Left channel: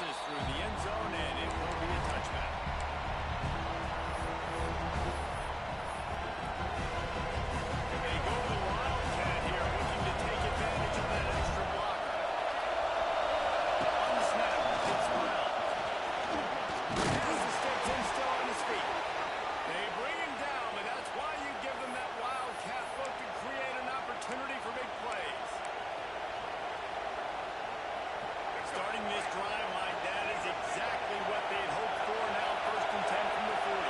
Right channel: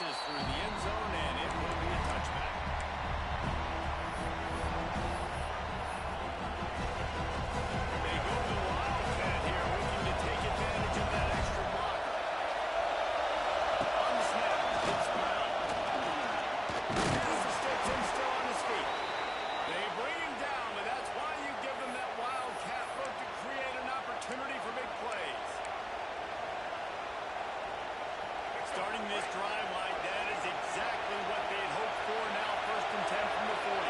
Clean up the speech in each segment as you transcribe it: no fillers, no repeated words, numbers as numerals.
passes through the end zone, and it will be a touchback. And they go to the Wildcat here, looking to take advantage of that extra blocker. On the snap, it's Brown. Has the sticks and still on his feet. They bring him down, but that's why you give them that Wildcat look to create an opportunity for big plays. Starting this drive like that is exactly what they had hoped for. Now 1st and 10 from the 40.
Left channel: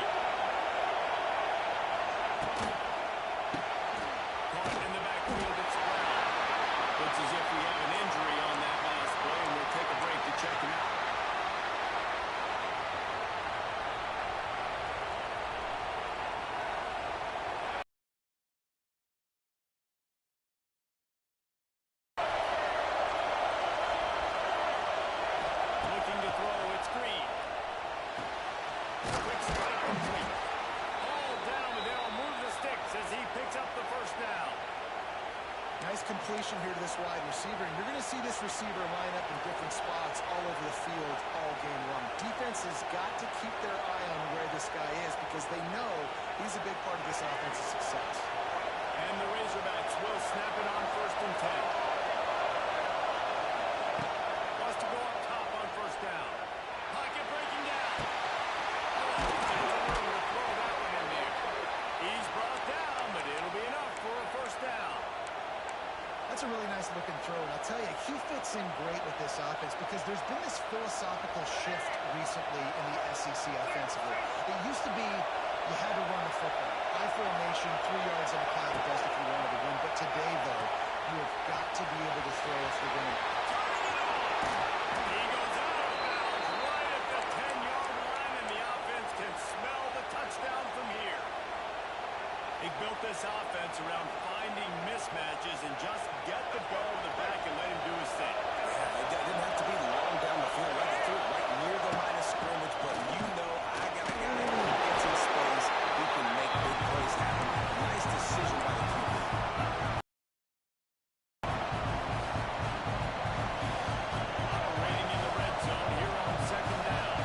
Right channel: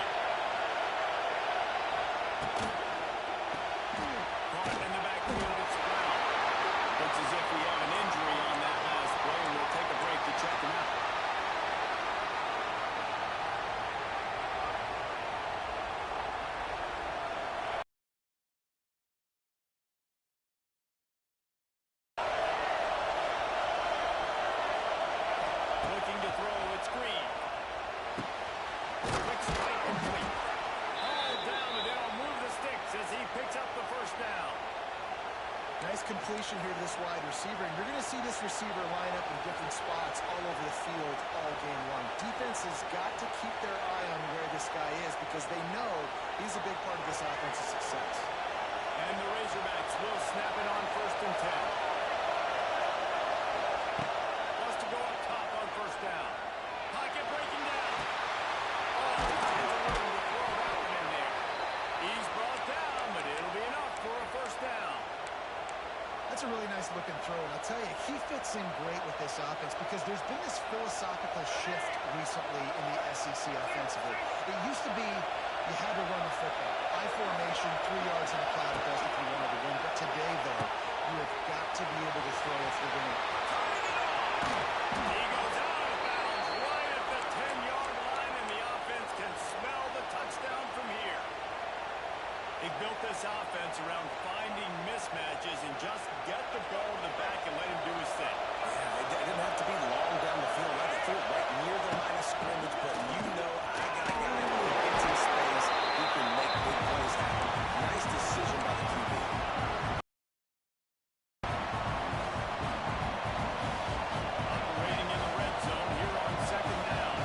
Caught in the backfield, it's Brown. Looks as if we have an injury on that last play, and we'll take a break to check him out. Looking to throw, it's Green. Quick strike complete. All down, but they'll move the sticks as he picks up the 1st down. Nice completion here to this wide receiver, and you're going to see this receiver line up in different spots all over the field all game long. Defense has got to keep their eye on where this guy is because they know he's a big part of this offensive success. And the Razorbacks will snap it on 1st and 10. Wants to go up top on 1st down. Pocket breaking down. Oh, finds a room to throw that one in there. He's brought down, but it'll be enough for a 1st down. That's a really nice looking throw, and I'll tell you, he fits in great with this offense because there's been this philosophical shift recently in the SEC offensively. It used to be you had to run the football. I formation, 3 yards in a cloud of dust if you wanted to win. But today, though, you have got to be able to throw if you're going to. Turning it on! He goes out of bounds right at the 10-yard line, and the offense can smell the touchdown from here. They built this offense around finding mismatches and just get the ball to the back and let him do his thing. Yeah, it didn't have to be long down the field. Right, they threw it right near the line of scrimmage, but you know I got a guy who gets in space, who can make big plays happen. Nice decision by the QB. Operating in the red zone here on 2nd down.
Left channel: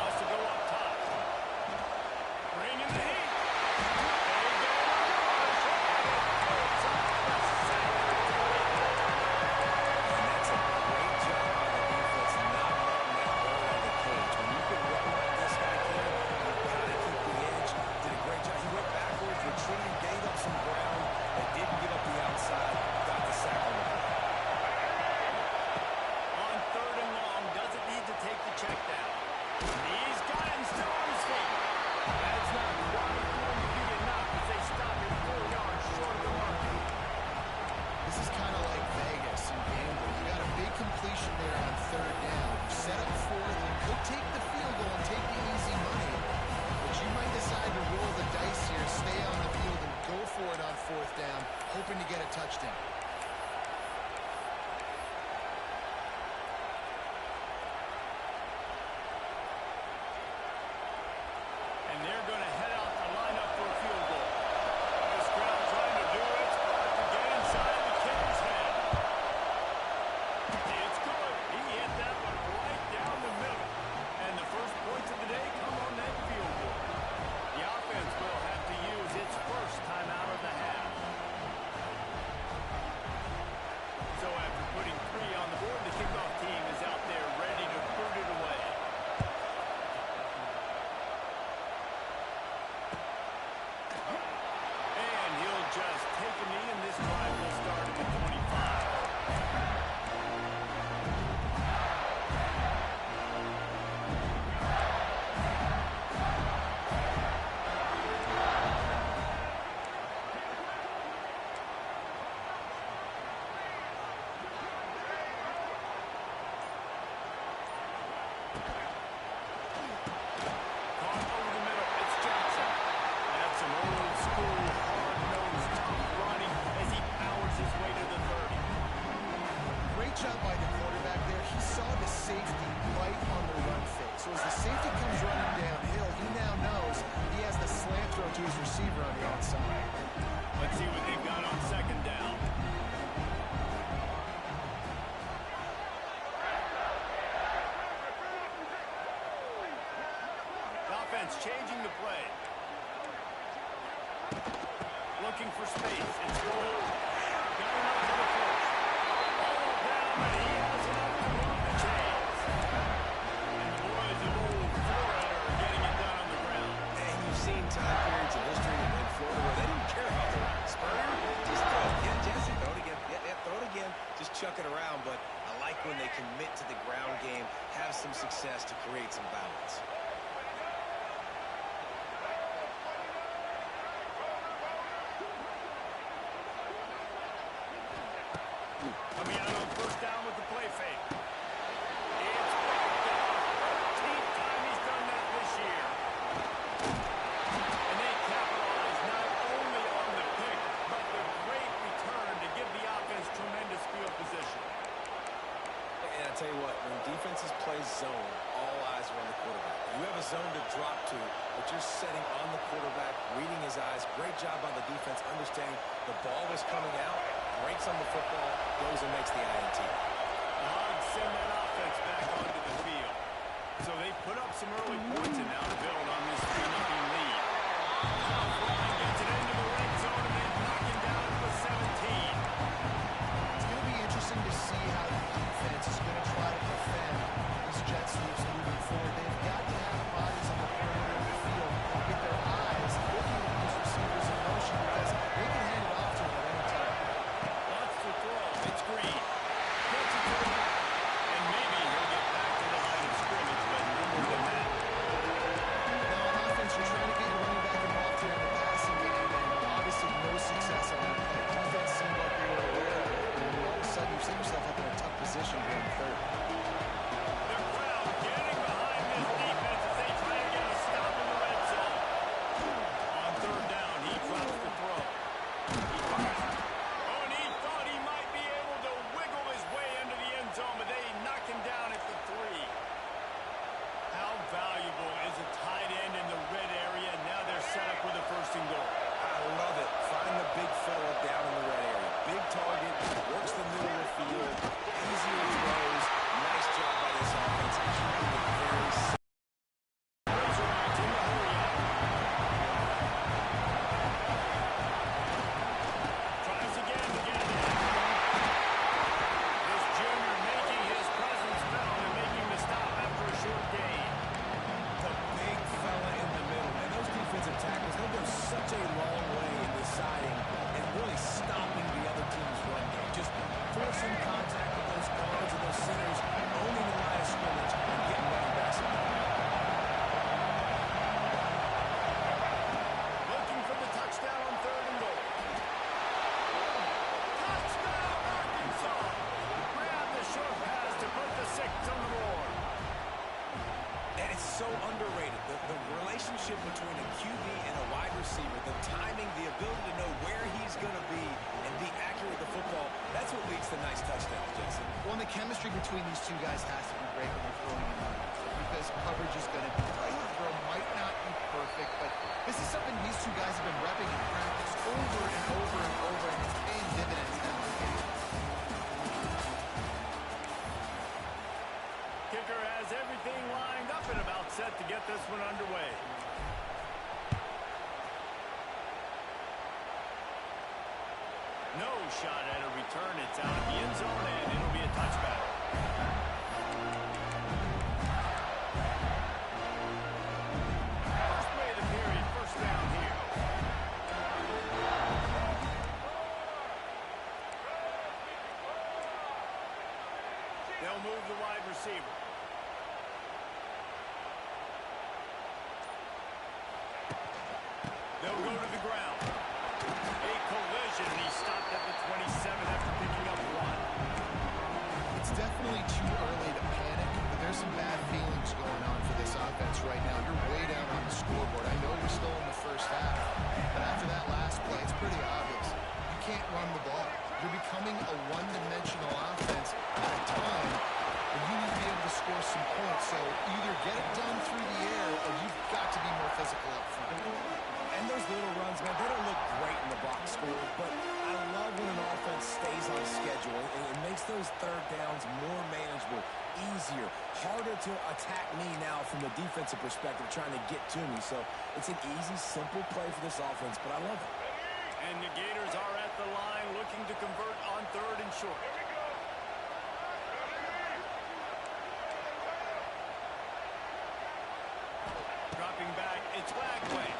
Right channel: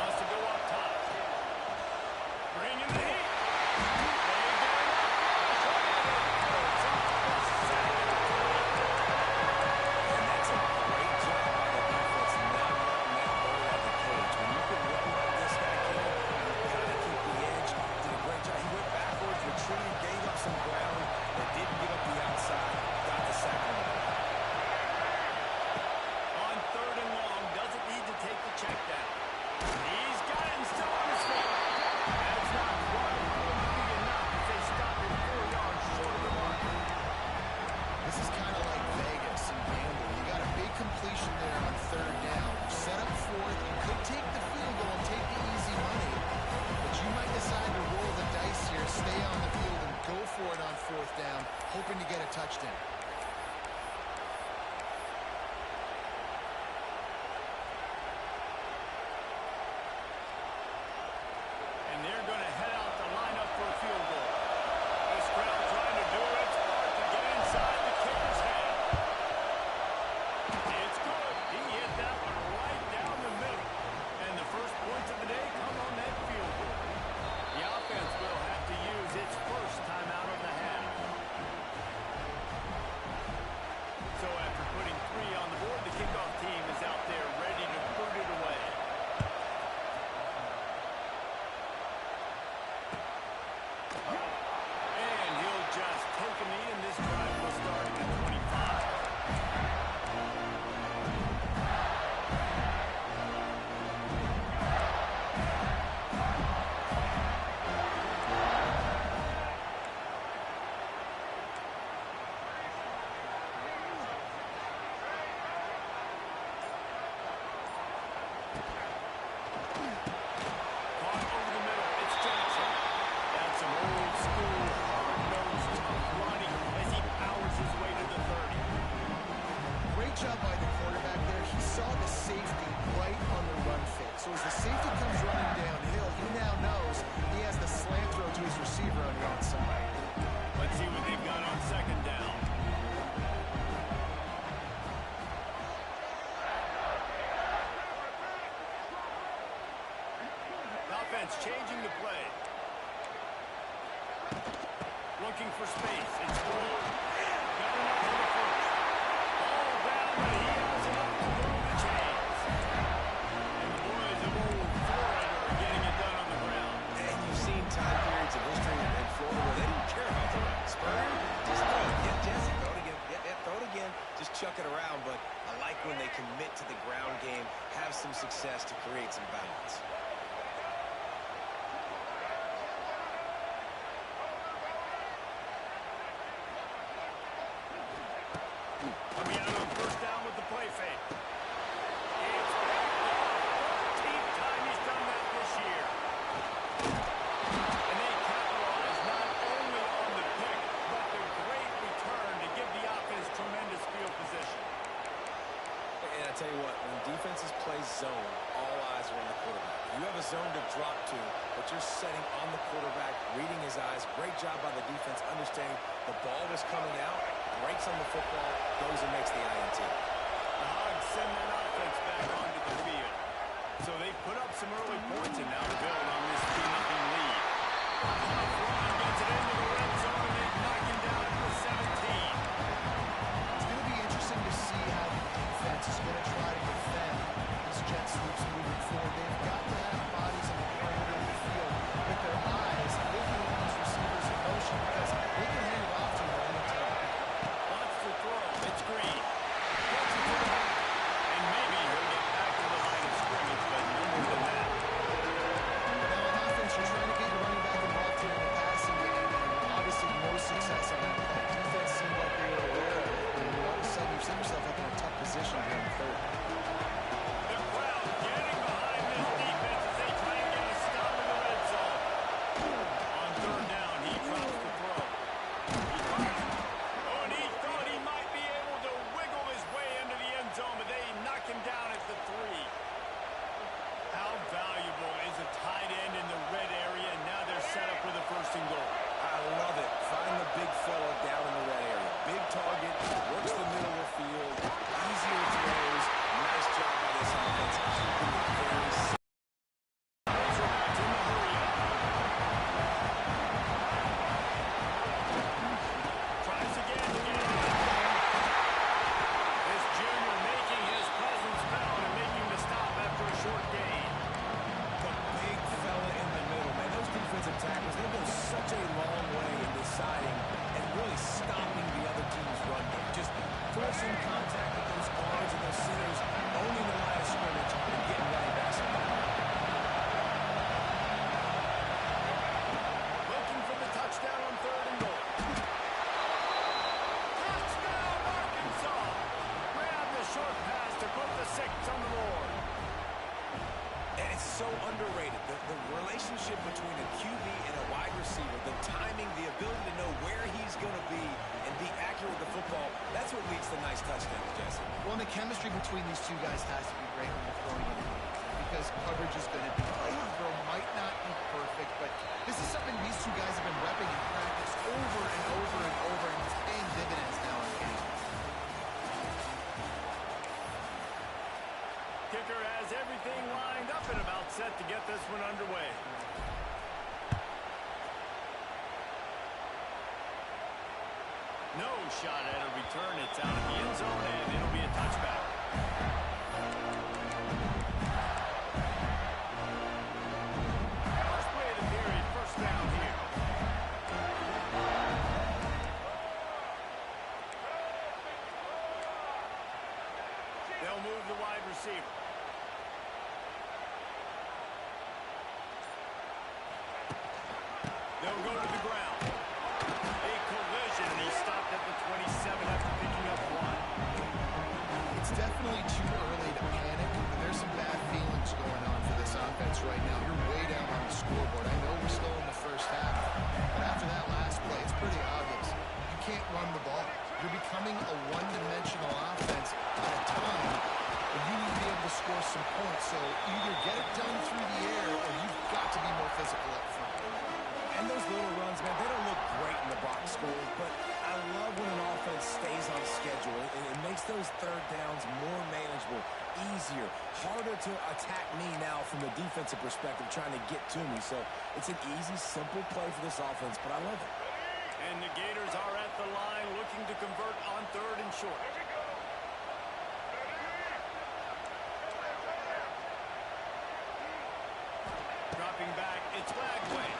Wants to go up top. Bring in the heat. They get it up. It's off the second. And that's a great job by the defense not letting that bird out of the cage. When you can run like this guy can, you've got to keep the edge. Did a great job. He went backwards, retreated, gave up some ground, and didn't give up the outside. Got the sack on the play. On 3rd and long, doesn't need to take the check down. He's got it and still on his feet. That's not quite going to be enough as they stop him 4 yards short of the mark. This is kind of like Vegas and gambling. You got a big completion there on 3rd down. You set up 4th. You could take the field goal and take the easy money, but you might decide to roll the dice here, stay on the field, and go for it on 4th down, hoping to get a touchdown. And they're going to head out to line up for a field goal. This crowd trying to do its part to get inside the kicker's head. It's good. He hit that one right down the middle. And the first points of the day come on that field goal. The offense will have to use its first timeout of the half. So after putting 3 on the board, the kickoff team is out there ready to boot it away. And he'll just take a knee, and this drive will start at the 25. Caught over the middle. It's Jackson. That's some old school, hard-nosed, tough running as he powers his way to the 30. Great job by the quarterback there. He saw the safety right on the run fake. So as the safety comes running downhill, he now knows he has the slant throw to his receiver on the outside. Let's see what they've got on 2nd down. defense changing the play. Looking for space. It's full. Got enough for the first. All down, but he has enough to move the chains. And the boys of old Florida are getting it done on the ground. And you've seen time periods in history in Florida where they didn't care about the run. Spurrier, just throw it. Yeah, Jesse, throw it again. Yeah, throw it again. Just chuck it around. But I like when they commit to the ground game, have some success to create some balance. Coming out on first down with the play fake. It's picked off. 13th time he's done that this year. And they capitalize not only on the pick, but the great return to give the offense tremendous field position. And I tell you what, when defenses play zone, all eyes are on the quarterback. You have a zone to drop to, but you're setting on the quarterback, reading his eyes. Great job by the defense, understanding the ball is coming out, breaks on the football, goes and makes the INT. The Hogs send that offense back onto the field. So they put up some early points and now to build on this 3-0 lead. Tough run gets it into the red zone and they knock him down at the 17. It's going to be interesting to see how the defense is going to try to defend these jet sweeps moving forward. They've got to have bodies on the perimeter of the field with their eyes looking at these receivers in motion because they can hand it off to them at any time. Wants to throw. It's Green. Gets it to the back. And maybe he'll get back to the line of scrimmage, but no more than that. Now on offense, you're trying to get your running back involved here in the passing game, and obviously no success on that play. Defense seemed like they were aware of it, and all of a sudden you set yourself up in a tough position here in the third. The crowd getting behind this defense as they try to get a stop in the red zone. On third down, he drops the throw. He throws. Oh, and he thought he might be able to wiggle his way into the end zone, but they knock him down at the 3. How valuable is a tight end in the red area? And now they're set up with a 1st and goal. I love it. Find the big fella down in the red area. Big target, works the middle of the field, easier throws. Nice job by this offense, keeping it very simple. Razorbacks in the hurry-up. Tries again to get it in. This junior making his presence felt and making the stop after a short gain. The big fella in the middle, man. Those defensive tackles, they go such a long way in deciding and really stopping the other team's run game. Just forcing contact with those guards and those centers, owning the line of scrimmage, and getting running backs in there. Looking for the touchdown on 3rd and goal. Touchdown, Arkansas! Grab the short pass to put the 6 on the board. And it's so underrated. The relationship between a QB and a wide receiver, the timing, the ability to know where he's going to be and be accurate with the football, that's what leads to nice touchdowns, Jesse. Well, and the chemistry between these two guys has to be great when you're throwing in the because coverage is going to be tight. The throw might not be perfect, but this is something these two guys have been repping in practice over and over and over, and it's paying dividends now in games. Kicker has everything lined up and about set to get this one underway. No shot at a return. It's out of the end zone, and it'll be a touchback. First play of the period, 1st down here. They'll move the wide receiver. They'll go to the ground. A collision, and he stopped at the 27 after picking up 1. It's definitely too early to panic, but there's some bad feelings going on for this offense right now. You're way down on the scoreboard. I know we're still in the first half, but after that last play, it's pretty obvious. You can't run the ball. You're becoming a one-dimensional offense at a time when you need to be able to score some points. So either get it done through the air or you've got to be more physical up front. And those little runs, man, they don't look great in the box score, but I love when an offense stays on schedule and it makes those third downs more manageable. easier, harder to attack me now from the defensive perspective, trying to get to me. So it's an easy, simple play for this offense, but I love it. And the Gators are at the line looking to convert on 3rd and short. Dropping back, it's Lagway.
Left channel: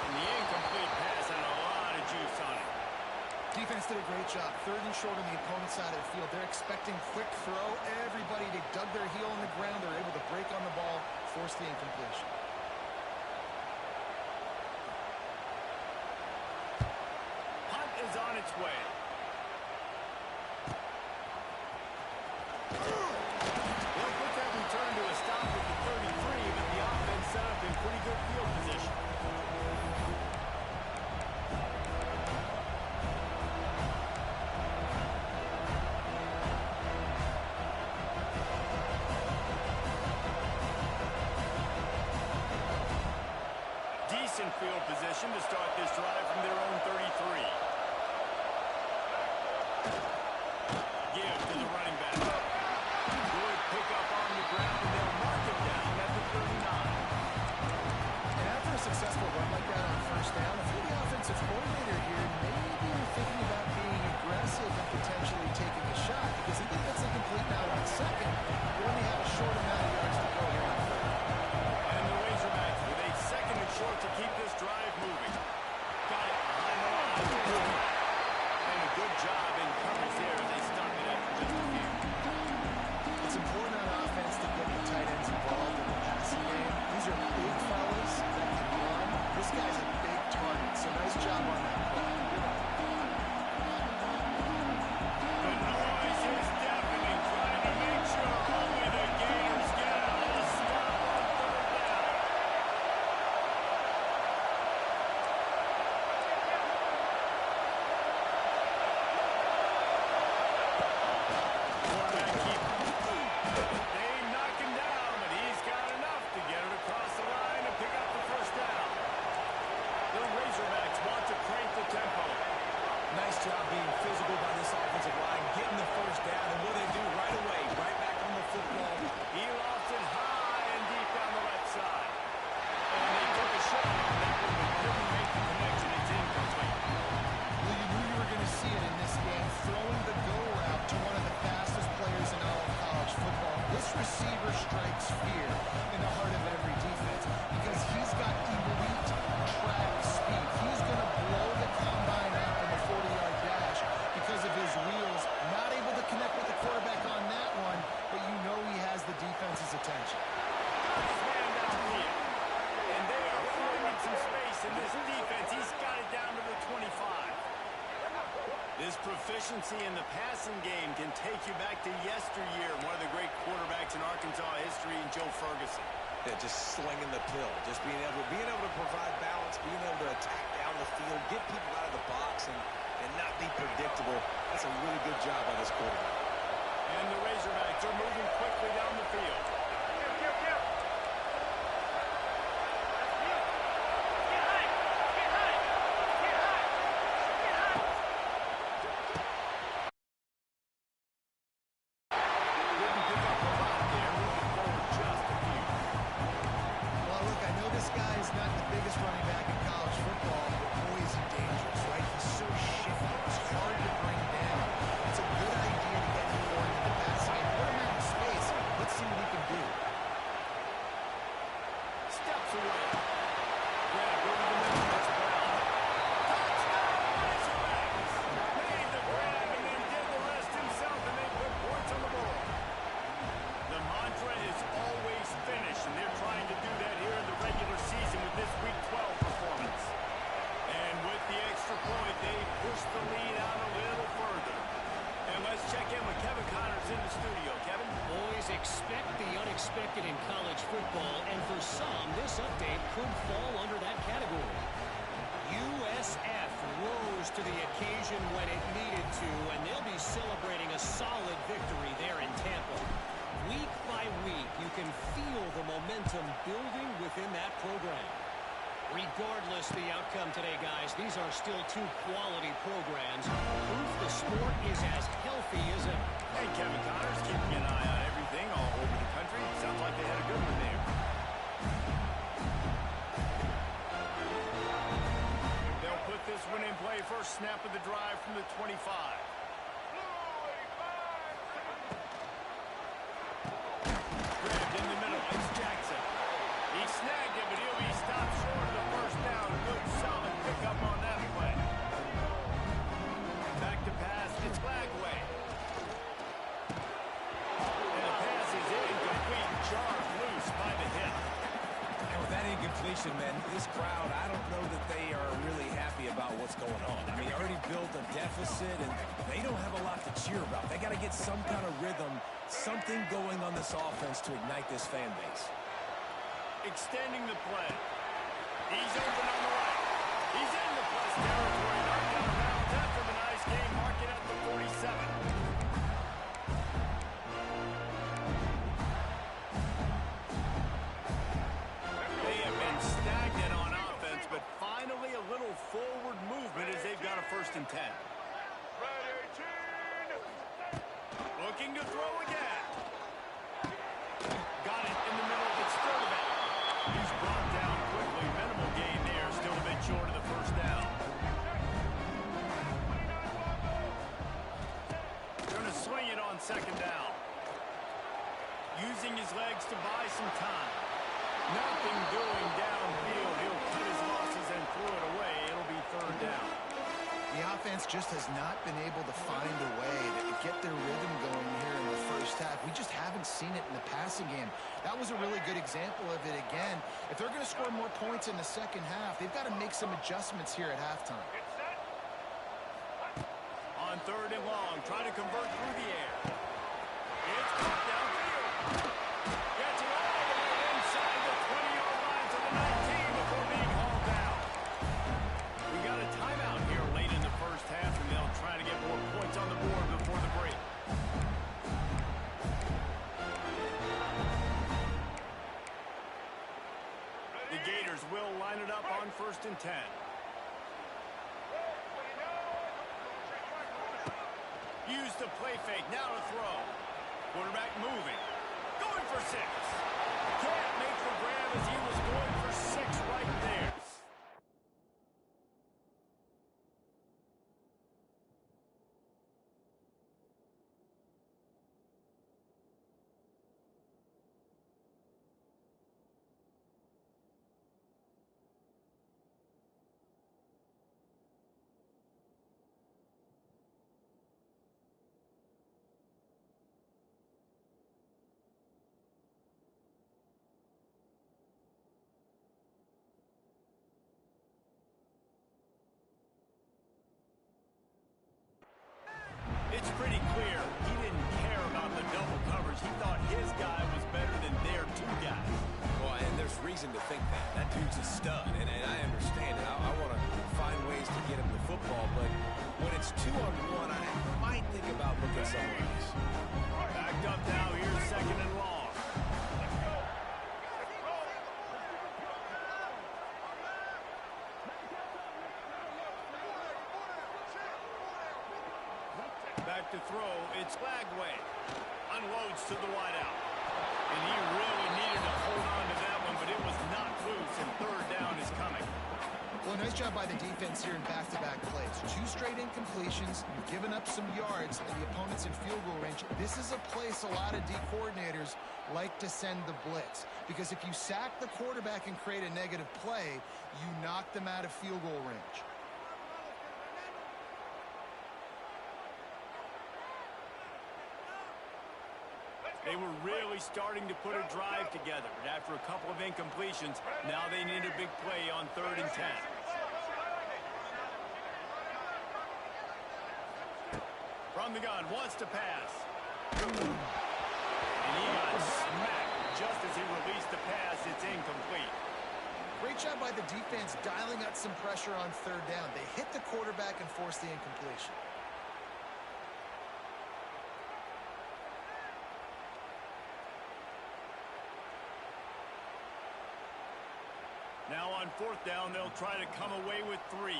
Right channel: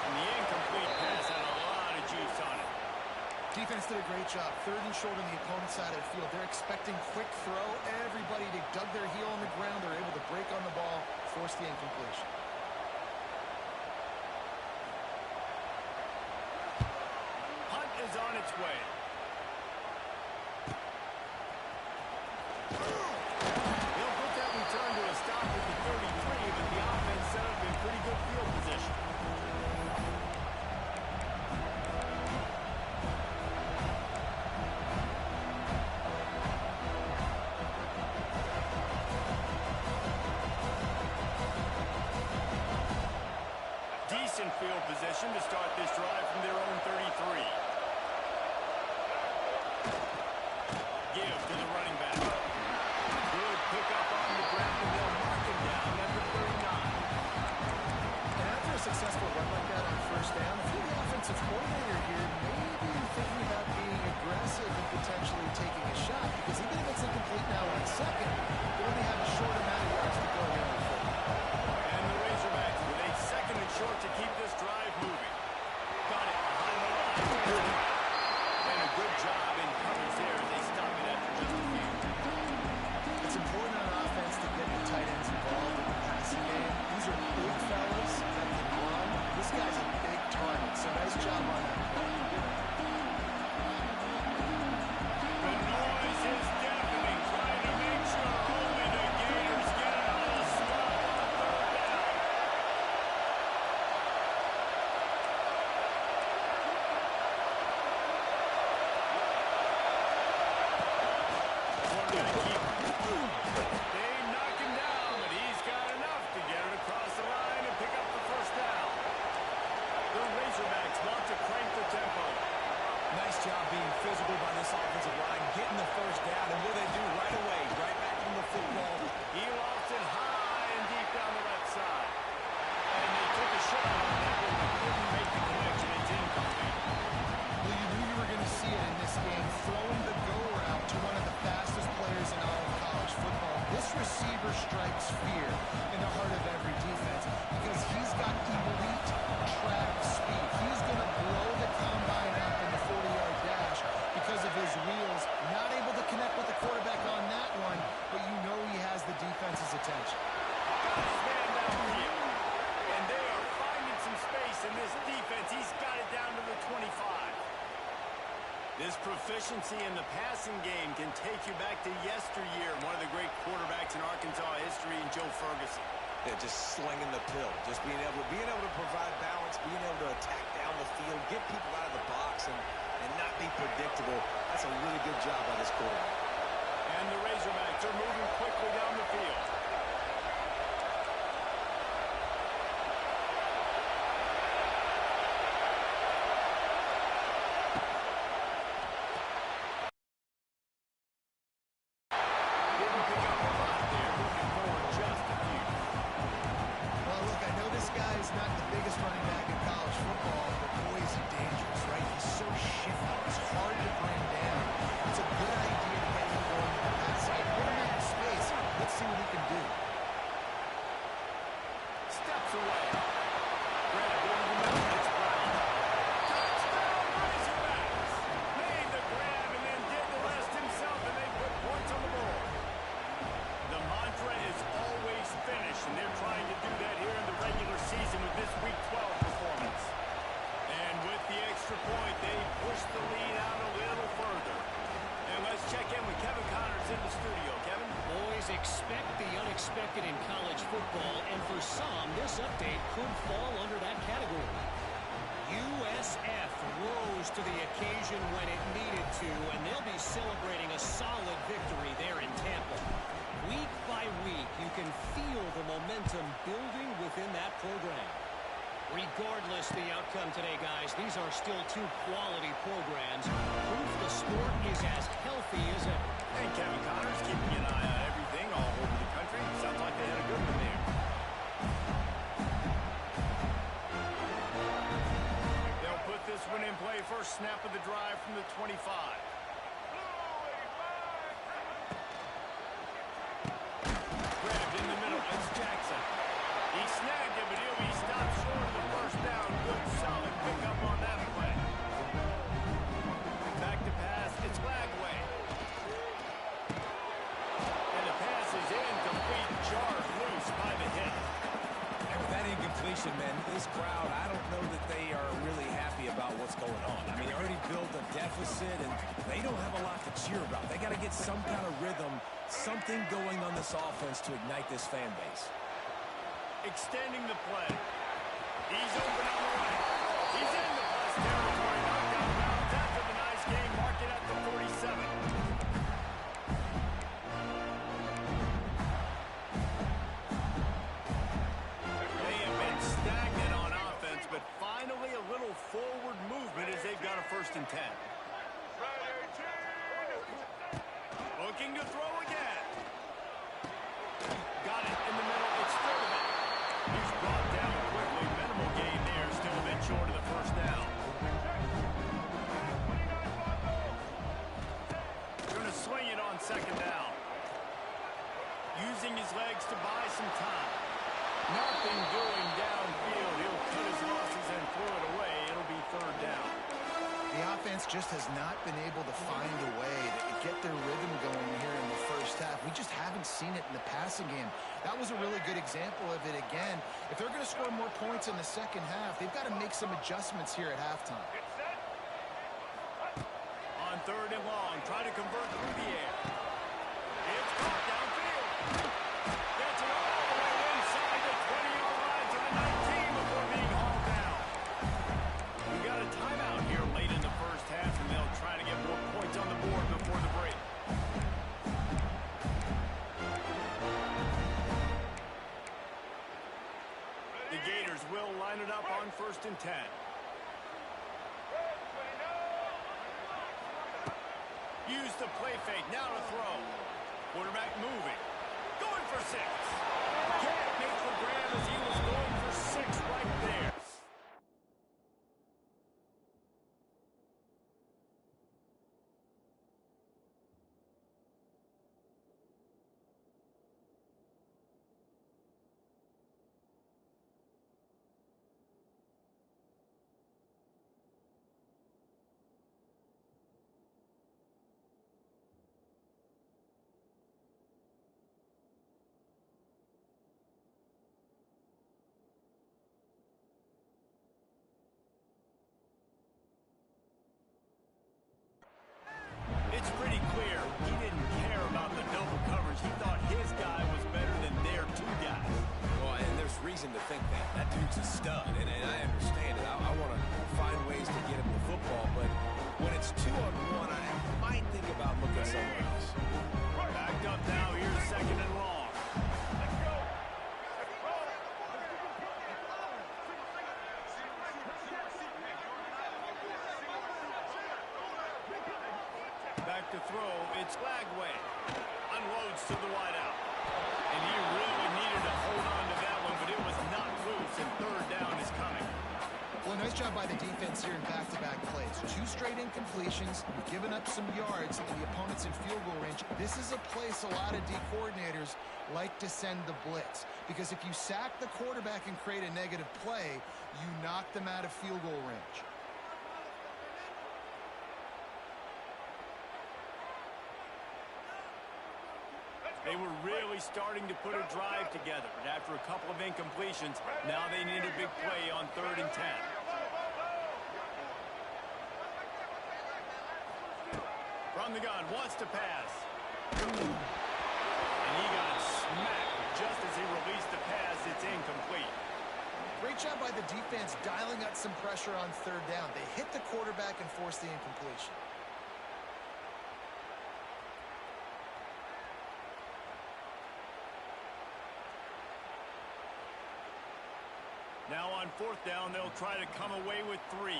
And the incomplete pass had a lot of juice on it. Defense did a great job. 3rd and short on the opponent's side of the field. They're expecting quick throw. Everybody, they dug their heel on the ground. They're able to break on the ball, force the incompletion. Punt is on its way. They'll put that return to a stop at the 33, but the offense set up in pretty good field position. Decent field position to start this drive from their own 33. Give to the running back. Good pickup on the ground, and they'll mark him down at the 39. And after a successful run like that on 1st down, if you're the offensive coordinator here, maybe you're thinking about being aggressive and potentially taking a shot, because even if it's incomplete now on 2nd, you only have a short amount of yards to go here on 3rd. And the Razorbacks with a 2nd and short to keep this drive moving. Got it behind the line. And a good job in coverage there as they stop it after just a few. It's important on offense to get the tight ends involved in the passing game. These are big fellas that can run. This guy's a big target, so nice job on that play. The noise is deafening, trying to make sure only the Gators get out of the slump on 3rd down. Quarterback keep. They knock him down, but he's got enough to get it across the line and pick up the 1st down. The Razorbacks want to crank the tempo. Nice job being physical by this offensive line, getting the 1st down, and what do they do right away? Right back on the football. He lost it high and deep down the left side. And they took a shot on that one, but couldn't make the connection. It's incomplete. Well, you knew you were going to see it in this game, throwing the go route to one of the fastest players in all of college football. This receiver strikes fear in the heart of every defense because he's got elite track speed. He's going to blow the combine up in the 40-yard dash because of his wheels. Not able to connect with the quarterback on that one, but you know he has the defense's attention. Got his man downfield. And they are finding some space in this defense. He's got it down to the 25. This proficiency in the passing game can take you back to yesteryear. One of the great quarterbacks in Arkansas history, in Joe Ferguson. Yeah, just slinging the pill, just being able to provide balance, being able to attack down the field, get people out of the box, and not be predictable. That's a really good job by this quarterback. And the Razorbacks are moving quickly down the field. Didn't pick up a lot there, moving forward just a few. Well, look, I know this guy is not the biggest running back in college football, but boy, is he dangerous, right? He's so shifty. He's hard to bring down. It's a good idea to get him going in the passing game. Put him out in space. Let's see what he can do. Steps away. Grab over the middle. It's Brown. Touchdown, Razorbacks! Made the grab and then did the rest himself, and they put points on the board. The mantra is always finish, and they're trying to do that here in the regular season with this Week 12 performance. And with the extra point, they push the lead out a little further. And let's check in with Kevin Connors in the studio. Kevin? Boys, expect the unexpected in college football, and for some, this update could fall under that category. USF rose to the occasion when it needed to, and they'll be celebrating a solid victory there in Tampa. Week by week, you can feel the momentum building within that program. Regardless the outcome today, guys, these are still two quality programs. Proof the sport is as healthy as ever. And Kevin Connors keeping an eye on everything all over the country. Sounds like they had a good one there. They'll put this one in play. First snap of the drive from the 25. Grabbed in the middle. It's Jackson. He snagged it, but he'll be stopped short of the first down. Good, solid pickup on that play. Back to pass. It's Lagway. And the pass is incomplete. Jarred loose by the hit. And with that incompletion, man, this crowd, I don't know that they are really happy about what's going on. I mean, they already built a deficit, and they don't have a lot to cheer about. They got to get some kind of rhythm, something going on this offense to ignite this fan base. Extending the play. He's open on the right. He's in the plus territory. Knocked out of bounds after the nice game. Mark it at the 47. They have been stagnant on offense, but finally a little forward movement as they've got a 1st and 10. Looking to throw again. Got it in the middle. It's Sturdivant. He's brought down quickly. Minimal gain there. Still a bit short of the first down. Going to swing it on 2nd down. Using his legs to buy some time. Nothing doing downfield. He'll cut his losses and throw it away. It'll be 3rd down. The offense just has not been able to find a way to get their rhythm going here in the first half. We just haven't seen it in the passing game. That was a really good example of it again. If they're going to score more points in the second half, they've got to make some adjustments here at halftime. On 3rd and long, try to convert through the air. It's caught downfield. Gets it all the way inside the 20-yard line to the 19 before being hauled down. We got a timeout here late in the first half, and they'll try to get more points on the board before the break. The Gators will line it up on 1st and 10. Use the play fake. Now to throw. Quarterback moving. Going for 6. Can't make the grab as he was going for 6 right there. It's pretty clear he didn't care about the double coverage. He thought his guy was better than their 2 guys. Well, and there's reason to think that. That dude's a stud, and I understand it. I want to find ways to get him the football, but when it's 2-on-1, I might think about looking somewhere else. Backed up now. Here's 2nd and long. Back to throw. It's Lagway. Unloads to the wideout. And he really needed to hold on to that one, but it was not loose, and 3rd down is coming. Well, nice job by the defense here in back-to-back plays. 2 straight incompletions. You've given up some yards, and the opponent's in field goal range. This is a place a lot of D coordinators like to send the blitz, because if you sack the quarterback and create a negative play, you knock them out of field goal range. They were really starting to put a drive together, but after a couple of incompletions, now they need a big play on 3rd and 10. From the gun, wants to pass. And he got smacked just as he released the pass. It's incomplete. Great job by the defense dialing up some pressure on 3rd down. They hit the quarterback and forced the incompletion. Now on fourth down, they'll try to come away with 3.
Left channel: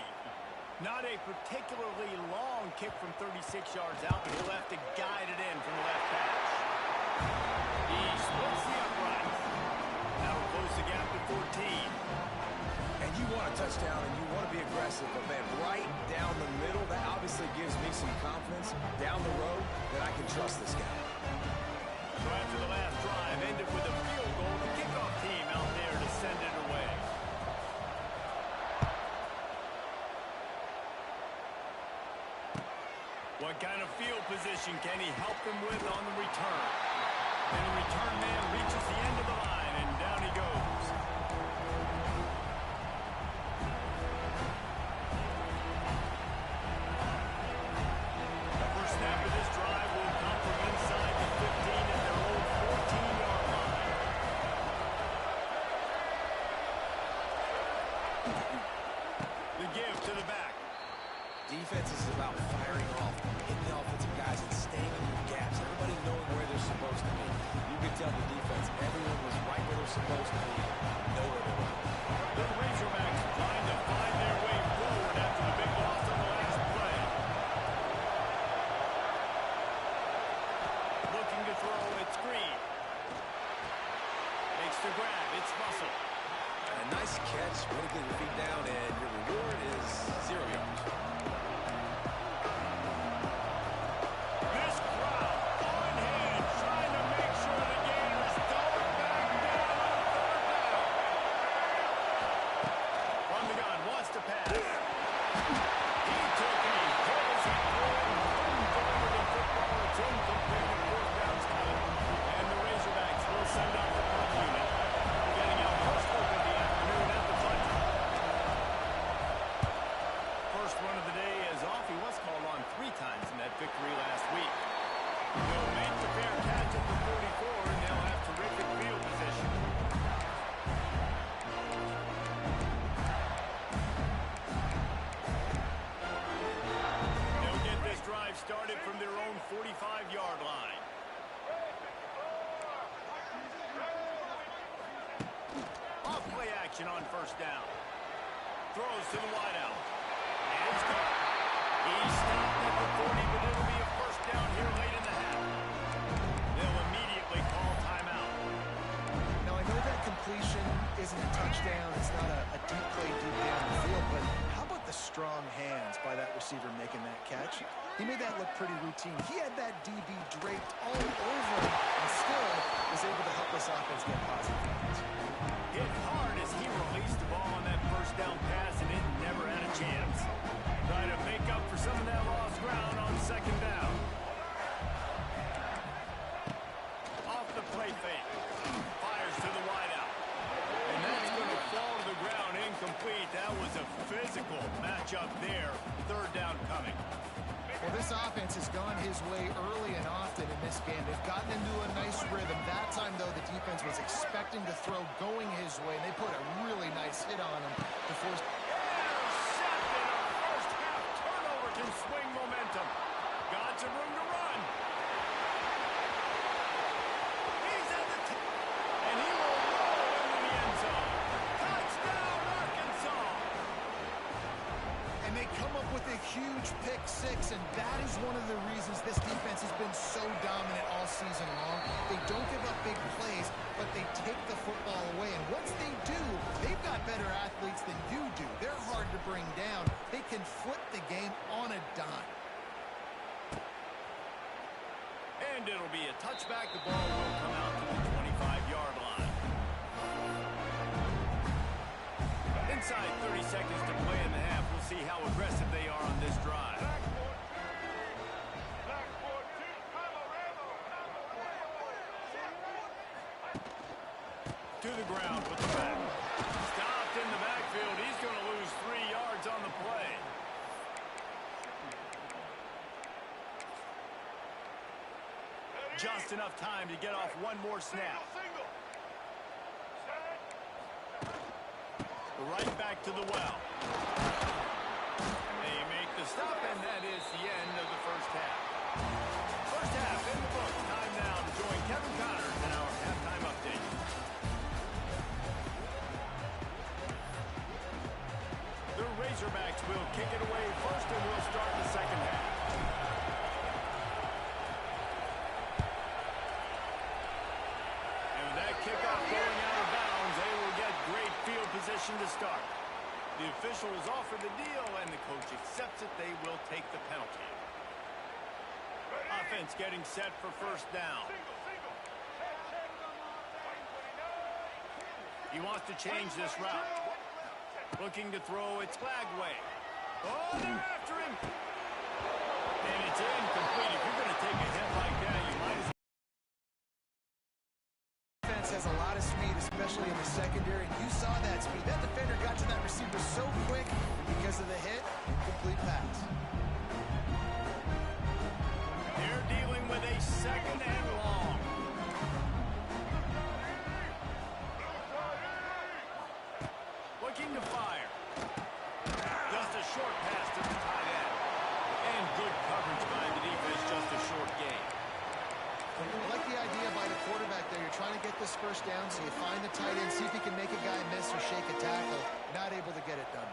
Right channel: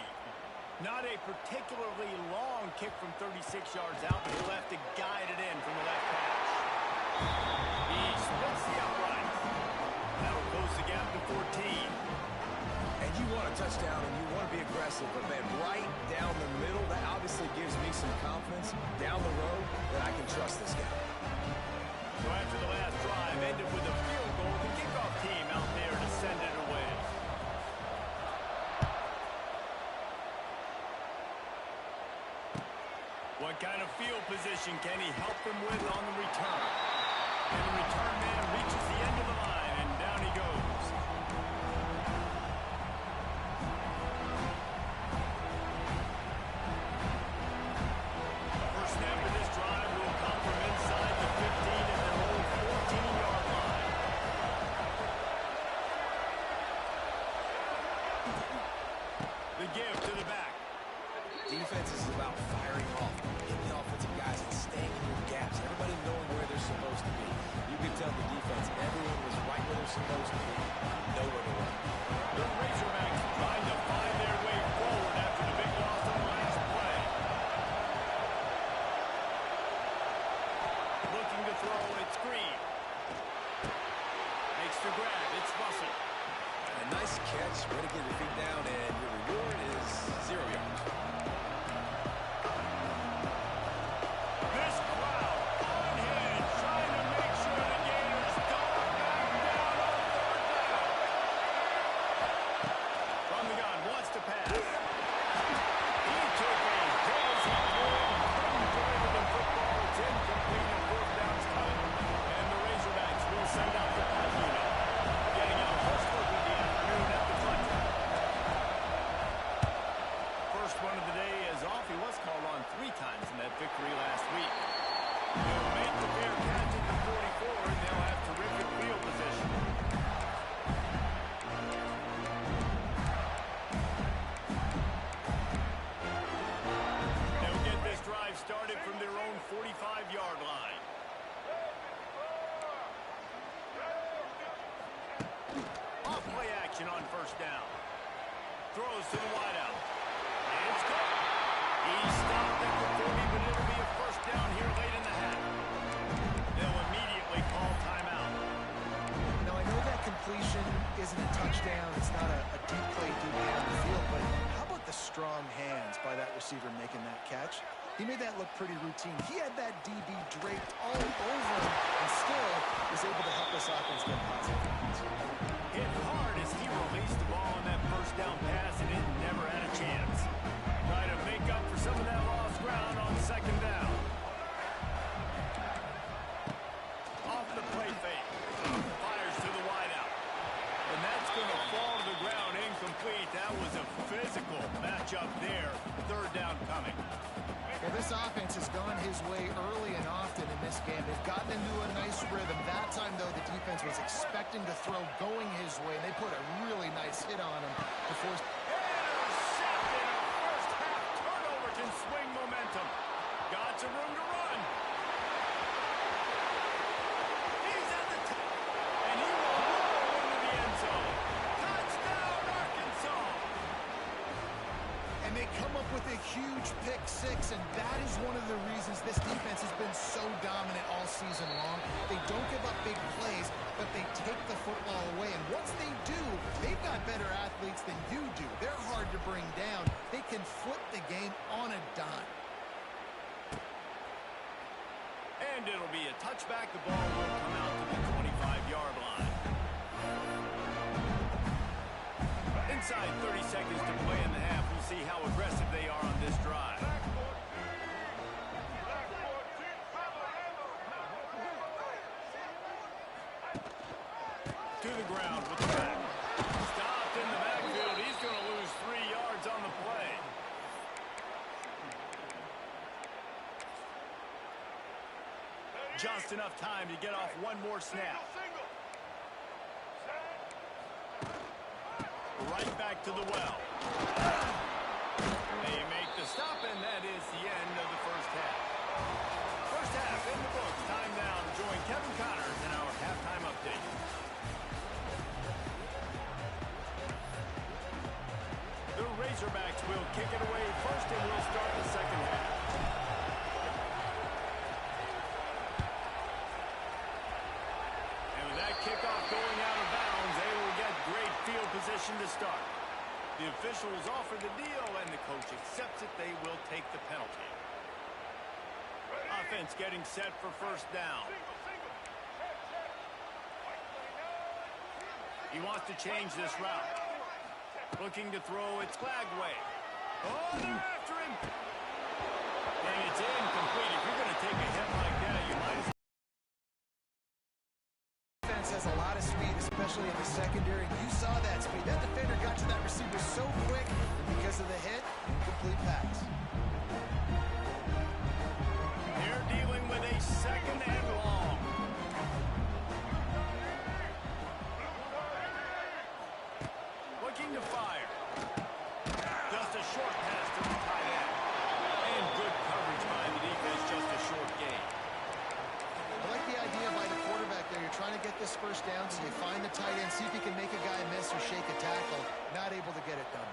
Not a particularly long kick from 36 yards out, but he'll have to guide it in from the left hash. He splits the uprights. That'll close the gap to 14. And you want a touchdown and you want to be aggressive, but man, right down the middle, that obviously gives me some confidence down the road that I can trust this guy. So after the last drive ended with a field goal, the kickoff team out there to send it away. What kind of field position can he help them with on the return? And the return man reaches the end of the line, and down he goes. The first snap of this drive will come from inside the 15 at their own 14-yard line. The give to the back. Defense is about firing off, hitting the offensive guys, and staying in your gaps. Everybody knowing where they're supposed to be. You could tell the defense, everyone was right where they're supposed to be, nowhere to run. The Razorbacks trying to find their way forward after the big loss on the last play. Looking to throw, it's Green. Makes the grab, it's Russell. A nice catch, way to get your feet down, and your reward is 0 yards. This crowd on hand trying to make sure the Gators don't back down on third down. From the gun, wants to pass. He took a hit as he threw it and couldn't deliver the football. It's incomplete and fourth down's coming. And the Razorbacks will send out the punt unit. Getting out first look of the afternoon at the punt. First one of the day is off. He was called on 3 times in that victory last week. He'll make the fair catch at the 44, and they'll have terrific field position. They'll get this drive started from their own 45-yard line. Off play action on first down. Throws to the wideout. And it's caught. He stopped at the 40, but it'll be a first down here late in the half. They'll immediately call timeout. Now, I know that completion isn't a touchdown. It's not a deep play deep down the field, but how about the strong hands by that receiver making that catch? He made that look pretty routine. He had that DB draped all over him and still was able to help this offense get positive points. Hit hard as he released the ball on that first down pass, and it never had a chance. Try to make up for some of that lost ground on second down. Off the play fake. Fires to the wideout. And that's going to fall to the ground incomplete. That was a physical matchup there. Third down coming. Well, this offense has gone his way early and often in this game. They've gotten into a nice rhythm. That time, though, the defense was expecting to throw going his way, and they put a really nice hit on him to force. Intercepted. A first-half turnover can swing momentum. Got some room to run. He's at the top, and he will roll into the end zone. Touchdown, Arkansas. And they come up with a huge pick six, and that is one of the reasons this defense has been so dominant all season long. They don't give up big plays, but they take the football away. And once they do, they've got better athletes than you do. They're hard to bring down. They can flip the game on a dime. And it'll be a touchback. The ball will come out to the 25-yard line. Inside 30 seconds to play in the half. We'll see how aggressive they are on this drive. To the ground with the back. Stopped in the backfield. He's going to lose 3 yards on the play. Just enough time to get off one more snap. Right back to the well. They make the stop, and that is the end of the first half. First half in the books. Time now to join Kevin Connors in our halftime update. Razorbacks will kick it away first, and we'll start the second half. And with that kickoff going out of bounds, they will get great field position to start. The officials offer the deal, and the coach accepts it. They will take the penalty. Offense getting set for first down. He wants to change this route. Looking to throw, it's Flagway. Oh, they're after him. And it's incomplete. If you're going to take a hit like that, you might as well. Defense has a lot of speed, especially in the secondary, and you saw that speed. That defender got to that receiver so quick, and because of the hit, incomplete pass. They're dealing with a second and long. Looking to fire. Just a short pass to the tight end. And good coverage by the defense, just a short gain. I like the idea by the quarterback there. You're trying to get this first down, so you find the tight end, see if he can make a guy miss or shake a tackle. Not able to get it done.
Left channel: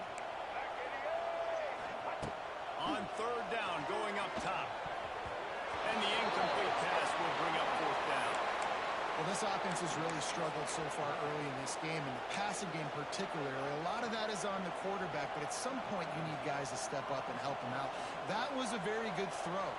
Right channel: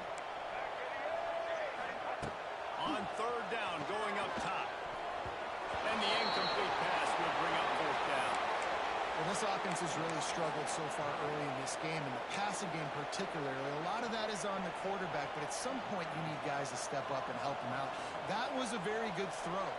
On third down, going up top. And the incomplete pass will bring up fourth down. Well, this offense has really struggled so far early in this game, and the passing game particularly. A lot of that is on the quarterback, but at some point you need guys to step up and help him out. That was a very good throw.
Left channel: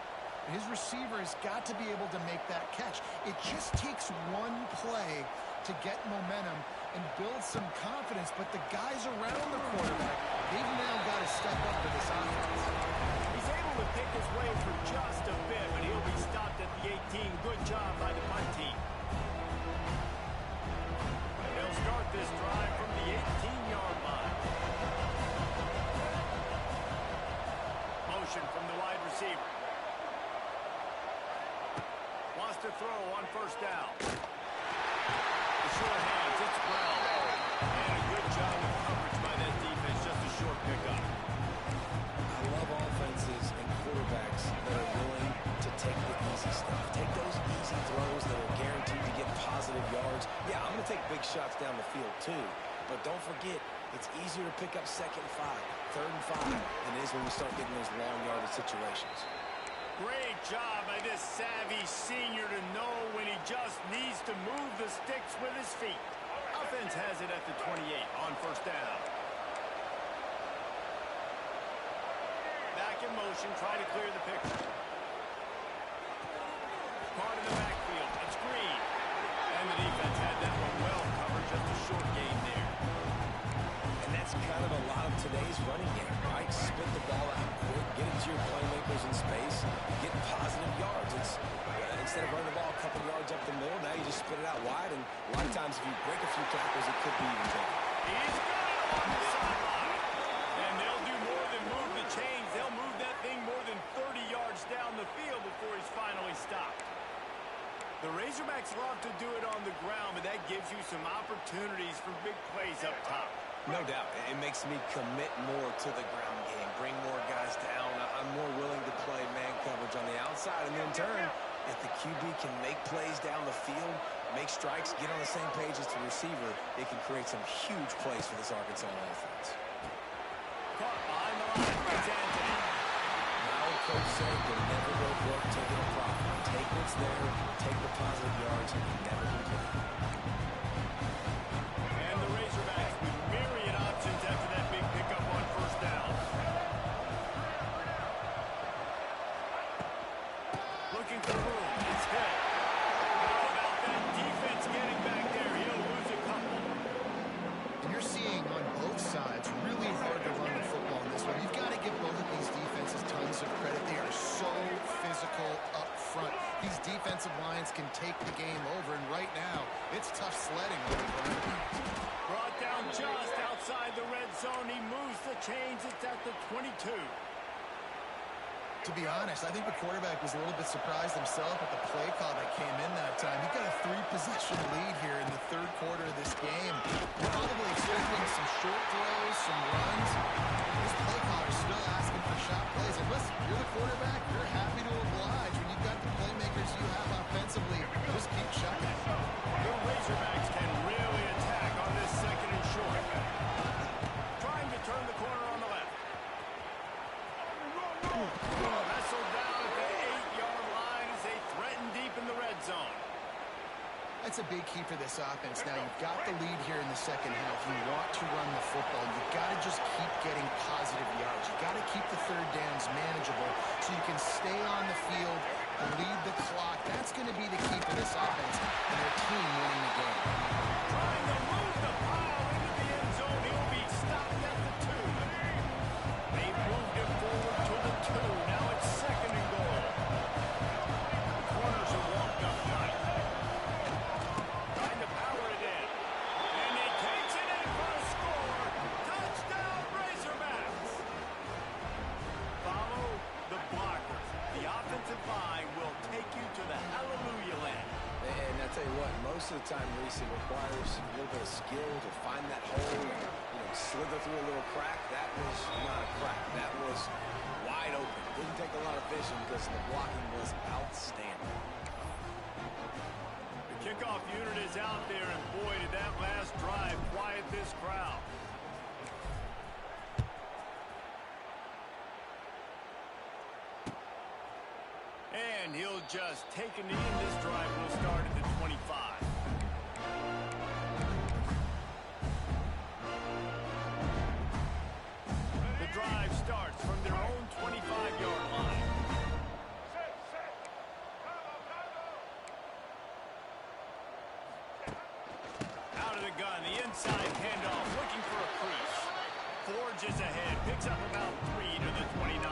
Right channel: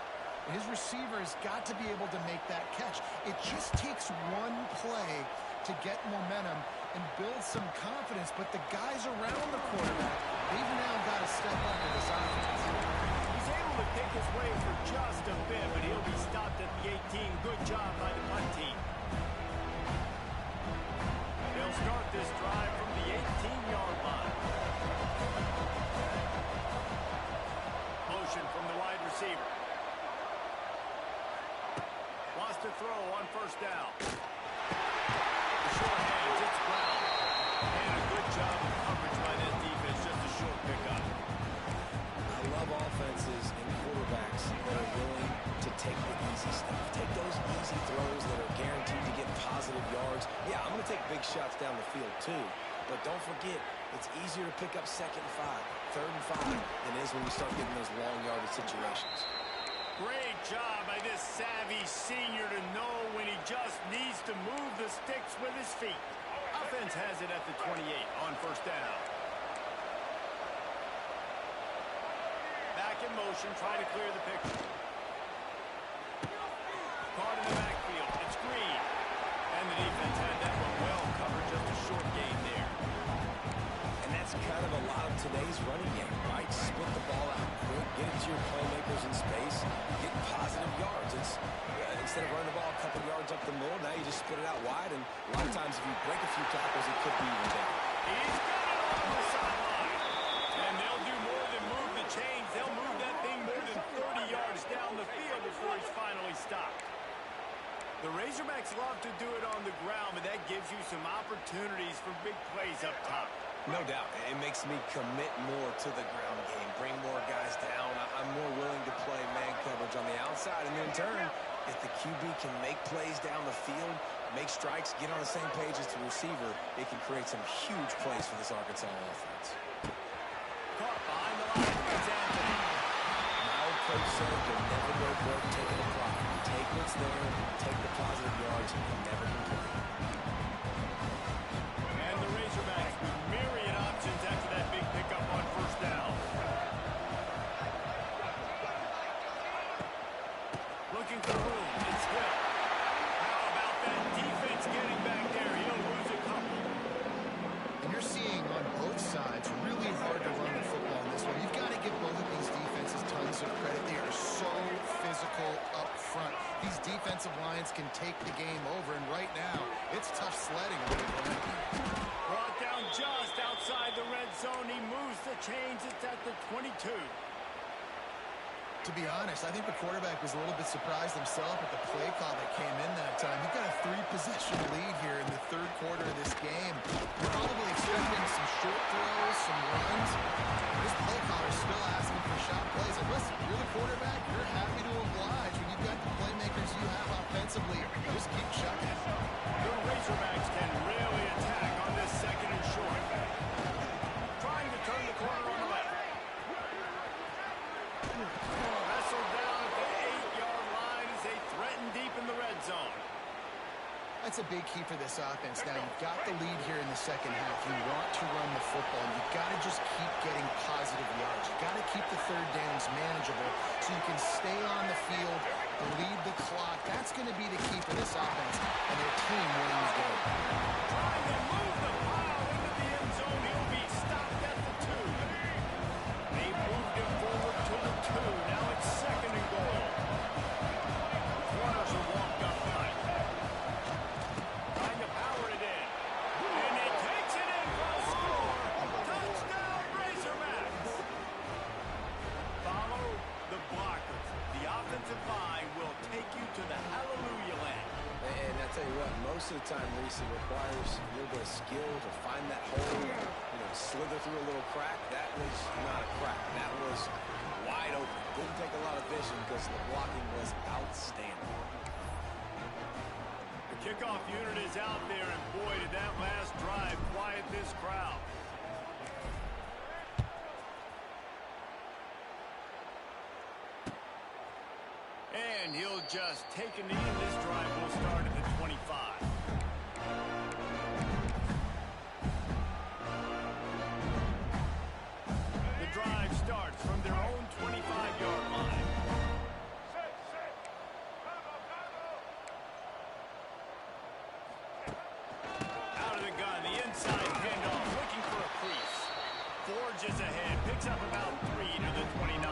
His receiver has got to be able to make that catch. It just takes one play to get momentum and build some confidence, but the guys around the quarterback, they've now got to step up to this offense. He's able to pick his way for just a bit, but he'll be stopped at the 18. Good job by the punt team. They'll start this drive from the 18-yard line. Motion from the wide receiver. Wants to throw on first down. The short hands, it's Brown. And a good job of coverage by that defense, just a short pickup. I love offenses and quarterbacks that are willing to take the easy stuff. Take those easy throws that are guaranteed to get positive yards. Yeah, I'm going to take big shots down the field too. But don't forget, it's easier to pick up second and 5, third and 5 than it is when we start getting those long yardage situations. Great job by this savvy senior to know when he just needs to move the sticks with his feet. Offense has it at the 28 on first down. Back in motion, trying to clear the picture. Caught in the backfield. It's Green. And the defense had that one well covered. Just a short gain there. And that's kind of a lot of today's running game, right? Spit the ball out quick, get it to your playmakers in space, get positive yards. It's instead of running the ball a couple yards up the middle, now you just spit it out wide. And a lot of times if you break a few tackles, it could be even bigger. He's got it along the sideline. And they'll do more than move the chains. They'll move that thing more than 30 yards down the field before he's finally stopped. The Razorbacks love to do it on the ground, but that gives you some opportunities for big plays up top. No doubt. It makes me commit more to the ground game, bring more guys down. I'm more willing to play man coverage on the outside. And in turn, if the QB can make plays down the field, make strikes, get on the same page as the receiver, it can create some huge plays for this Arkansas offense. Caught behind the line. It's Anthony. My old coach said you'll never go broke taking a profit. Take what's there, take the positive yards, and you never complain. And the Razorbacks with myriad options after that big pickup on first down. Looking for room. It's Hill. How about that defense getting back there? He'll lose a couple. And you're seeing on both sides really hard to run the football in this one. You've got to give both of these defenses tons of credit. They are so physical up front. These defensive lines can take the game over, and right now, it's tough sledding on the ground. Brought down just outside the red zone. He moves the chains. It's at the 22. To be honest, I think the quarterback was a little bit surprised himself at the play call that came in that time. He got a 3-possession lead here in the third quarter of this game. You're probably expecting some short throws, some runs. This play caller's still asking for shot plays. And listen, you're the quarterback, you're happy to oblige. When you've got the playmakers you have offensively, just keep chucking it. The Razorbacks can really attack on this second and short. Trying to turn the corner on the left. Wrestled down at the 8-yard line as they threaten deep in the red zone. That's a big key for this offense. Now, you've got the lead here in the second half. You want to run the football. You've got to just keep getting positive yards. You've got to keep the third downs manageable so you can stay on the field, lead the clock. That's going to be the key for this offense and their team winning the game. Trying to move the pile into the end zone. He'll be stopped at the 2. They moved him forward to the 2. Now it's second and goal. The corners are walked up tight. Trying to power it in. And he takes it in for a score. Touchdown, Razorbacks. Follow the blockers. The offensive line will take you to the hallelujah land. And I tell you what, most of the time, Reese, it requires a little bit of skill to find that hole, slither through a little crack. That was not a crack. That was wide open. Didn't take a lot of vision because the blocking was outstanding. The kickoff unit is out there, and boy, did that last drive quiet this crowd. And he'll just take a knee, and this drive will start at the 25. The drive starts from their own 25-yard line. Out of the gun, the inside handoff, looking for a crease. Forges ahead, picks up about 3 to the 29.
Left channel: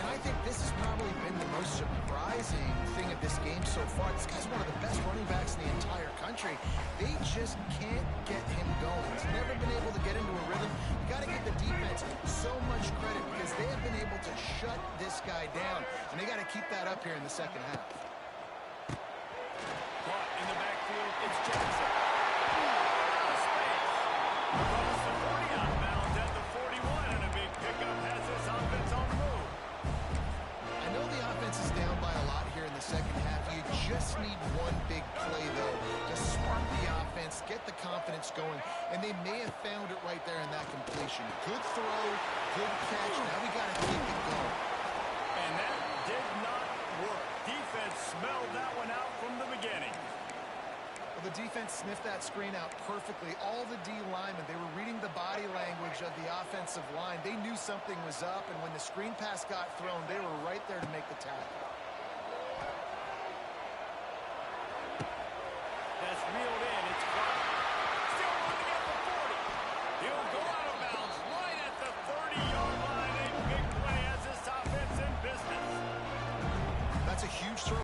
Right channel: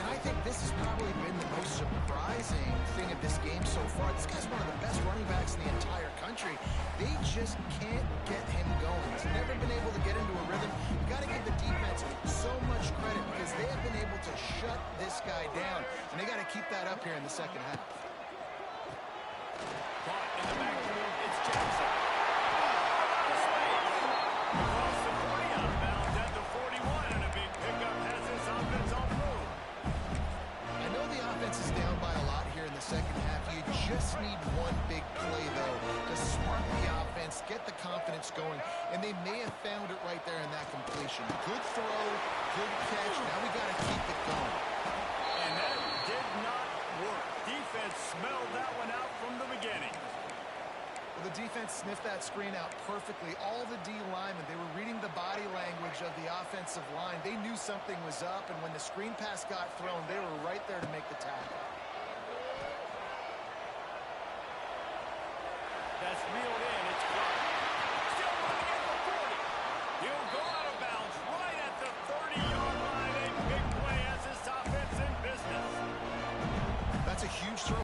And I think this has probably been the most surprising thing of this game so far. This guy's one of the best running backs in the entire country. They just can't get him going. He's never been able to get into a rhythm. You got to give the defense so much credit because they have been able to shut this guy down. And they got to keep that up here in the second half. Caught in the backfield, it's Jackson. Out of space. Across the 40, out of bounds at the 41, and a big pickup has this offense on the move. I know the offense is down by a lot here in the second half. You just need one big play, though, to spark the offense, get the confidence going, and they may have found it right there in that completion. Good throw, good catch. Now we got to keep it going. And that did not work. Defense smelled that one out from the beginning. Well, the defense sniffed that screen out perfectly. All the D linemen, they were reading the body language of the offensive line. They knew something was up, and when the screen pass got thrown, they were right there to make the tackle. That's reeled in. It's Clark. Still running at the 40. He'll go out of bounds right at the 30-yard line. A big play as this offense in business. That's a huge throw.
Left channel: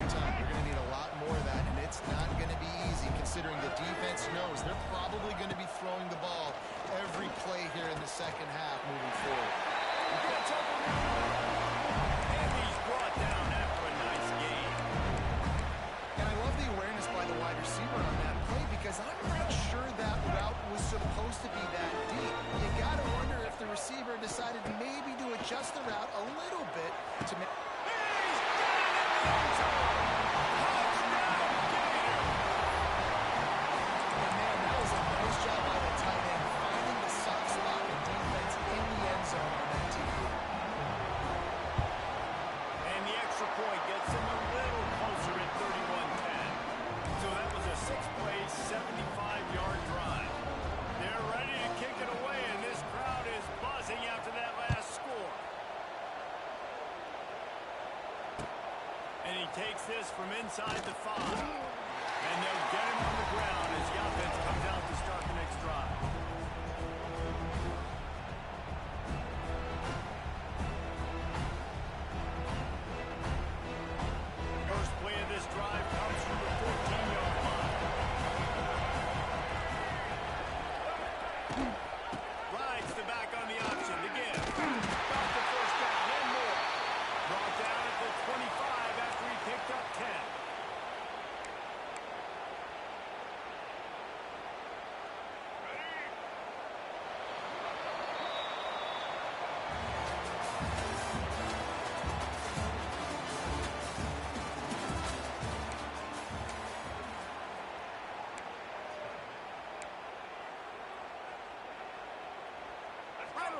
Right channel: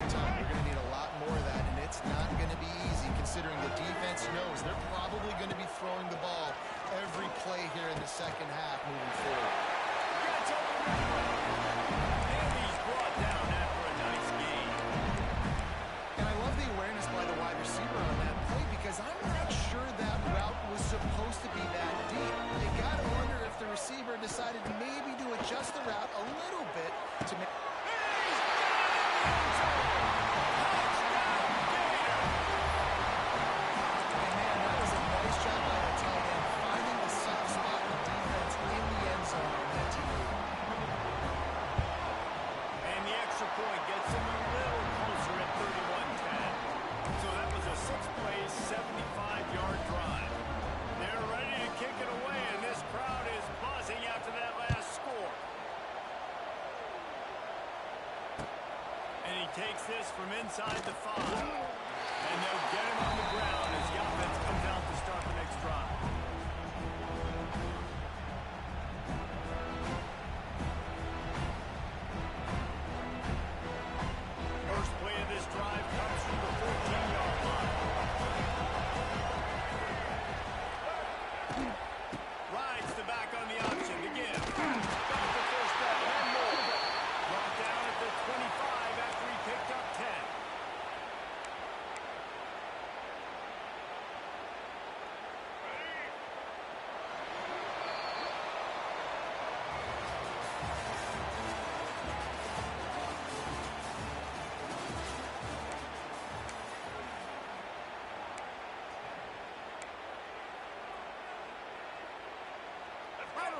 They're going to need a lot more of that, and it's not going to be easy considering the defense knows they're probably going to be throwing the ball every play here in the second half moving forward. Gets open right away. And he's brought down after a nice gain. And I love the awareness by the wide receiver on that play because I'm not sure that route was supposed to be that deep. You got to wonder if the receiver decided maybe to adjust the route a little bit to make... He's got it in the end zone. Touchdown, Gator. And man, that was a nice job by the tight end finding the soft spot in the defense in the end zone on that TD. And the extra point gets him a little closer at 31-10. So that was a 6-play, 75-yard drive. They're ready to kick it away, and this crowd is buzzing after that last score. And he takes this from inside the 5. And they'll get him on the ground as the offense comes out to start the next drive. First play of this drive comes from the 14-yard line. Rides the back on the option to give. Got the first down and more. Brought down at the 25 after he picked up 10.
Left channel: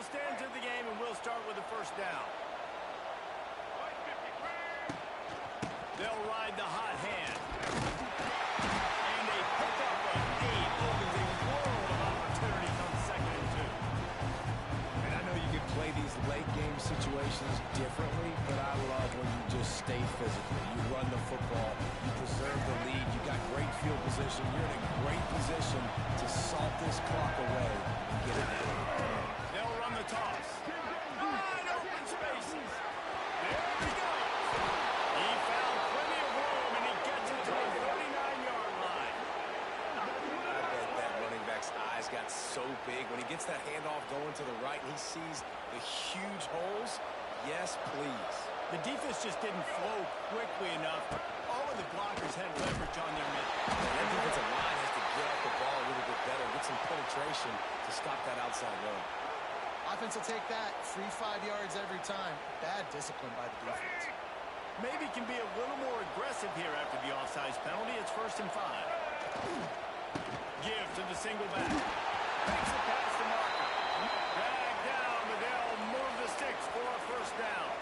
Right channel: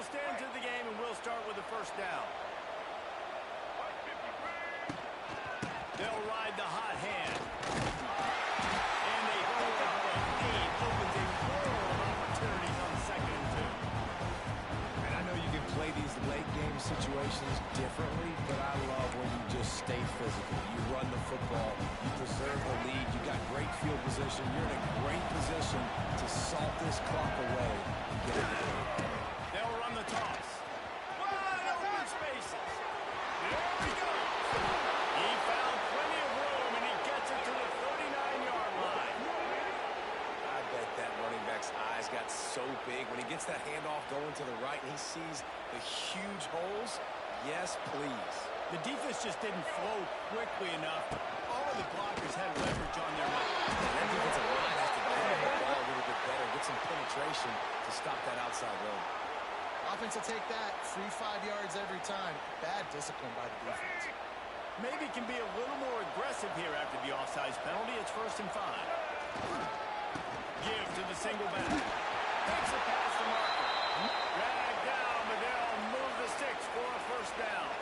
stand to the game, and we'll start with the first down. They'll ride the hot hand. And a pickup of 8 opens a world of opportunities on 2nd and 2. And I know you can play these late game situations differently, but I love when you just stay physical. You run the football, you preserve the lead, you got great field position, you're in a great position to salt this clock away and get it done. They'll run the toss. Wide open spaces. There he goes. He found plenty of room, and he gets it to the 39-yard line. I bet that running back's eyes got so big when he gets that handoff going to the right and he sees the huge holes. Yes, please. The defense just didn't flow quickly enough. All of the blockers had leverage on their men. And that defensive line has to get off the ball a little bit better, get some penetration to stop that outside run. Offense will take that. Free 5 yards every time. Bad discipline by the defense. Maybe can be a little more aggressive here after the offsides penalty. It's 1st and 5. Give to the single back. Makes it past the marker. Drag down, but they'll move the sticks for a first down.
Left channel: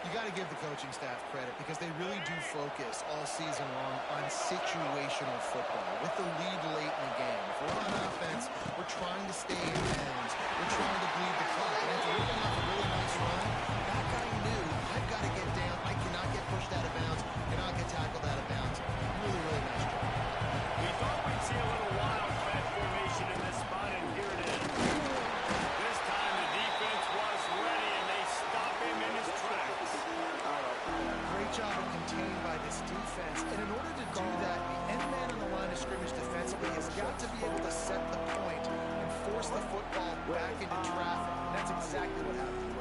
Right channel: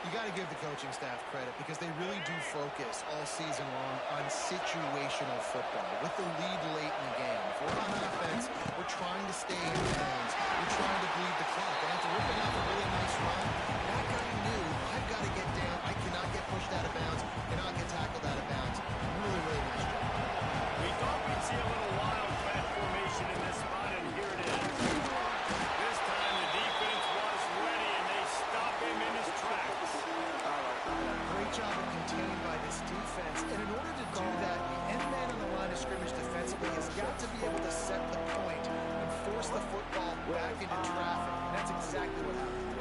You got to give the coaching staff credit because they really do focus all season long on situational football with the lead late in the game. If we're on offense, we're trying to stay in bounds. We're trying to bleed the clock. And after ripping off a really nice run, that guy knew, I've got to get down. I cannot get pushed out of bounds, cannot get tackled out of bounds. Really, really nice job. We thought we'd see a little wildcat formation in this spot, and here it is. This time the defense was ready, and they stop him in his tracks. Great job of contained by this defense. And in order to do that, the end man on the line of scrimmage defensively has got to be able to set the point and force the football back into traffic. And that's exactly what happened.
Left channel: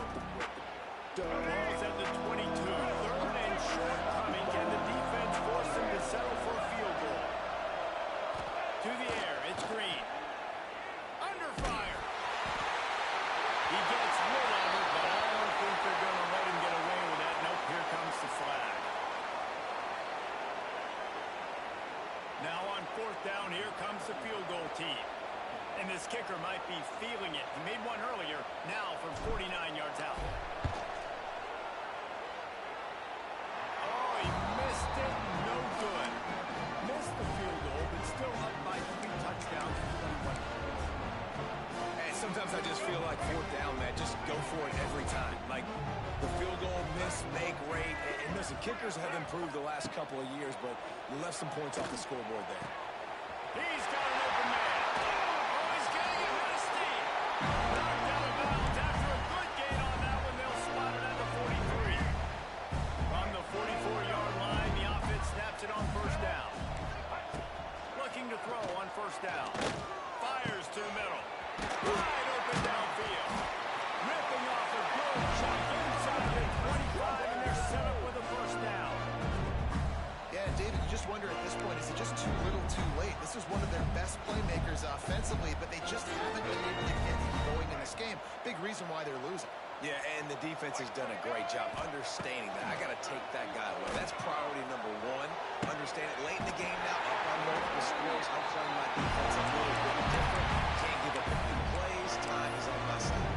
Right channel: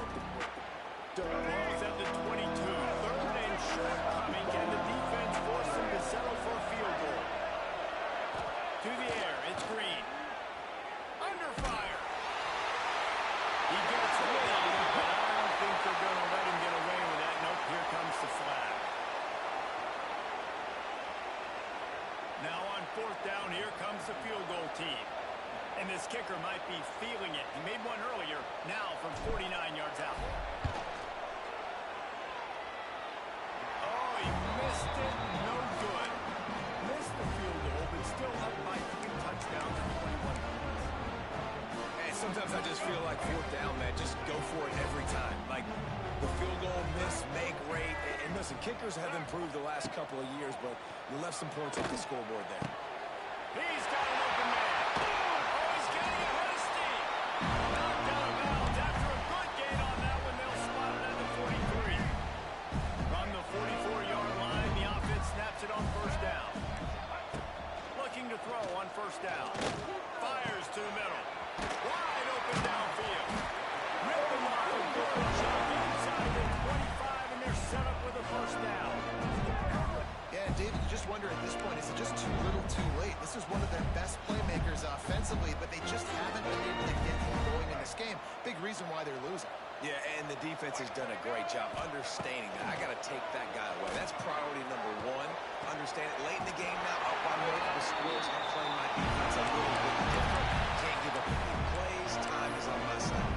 Ball's at the 22. 3rd and short coming. Can the defense force him to settle for a field goal? To the air. It's Green. Under fire. He gets rid of it, but I don't think they're going to let him get away with that. Nope, here comes the flag. Now on 4th down, here comes the field goal team. And this kicker might be feeling it. He made one earlier, now from 49 yards out. Oh, he missed it. No good. Missed the field goal, but still up by 3 touchdowns and 21 points. And sometimes I just feel like 4th down, man, just go for it every time. Like the field goal miss, make rate. And listen, kickers have improved the last couple of years, but you left some points off the scoreboard there. He's got an open man. Oh, he's getting ahead of steam. Knocked out of bounds after a good gain on that one. They'll spot it at the 43. From the 44-yard line, the offense snaps it on 1st down. Looking to throw on 1st down. Fires to the middle. Wide open downfield. Ripping off a good chunk inside the 25, and they're set up with a 1st down. Yeah, David, you just wonder at this point, is it just too little too late? This is one of their best playmakers offensively, but they just haven't been able to get him going in this game. Big reason why they're losing. Yeah, and the defense has done a great job understanding that. I got to take that guy away. That's priority number 1. Understand it. Late in the game now, up by multiple scores. I'm playing my defense a little bit different. Can't give up the big plays. Time is on my side.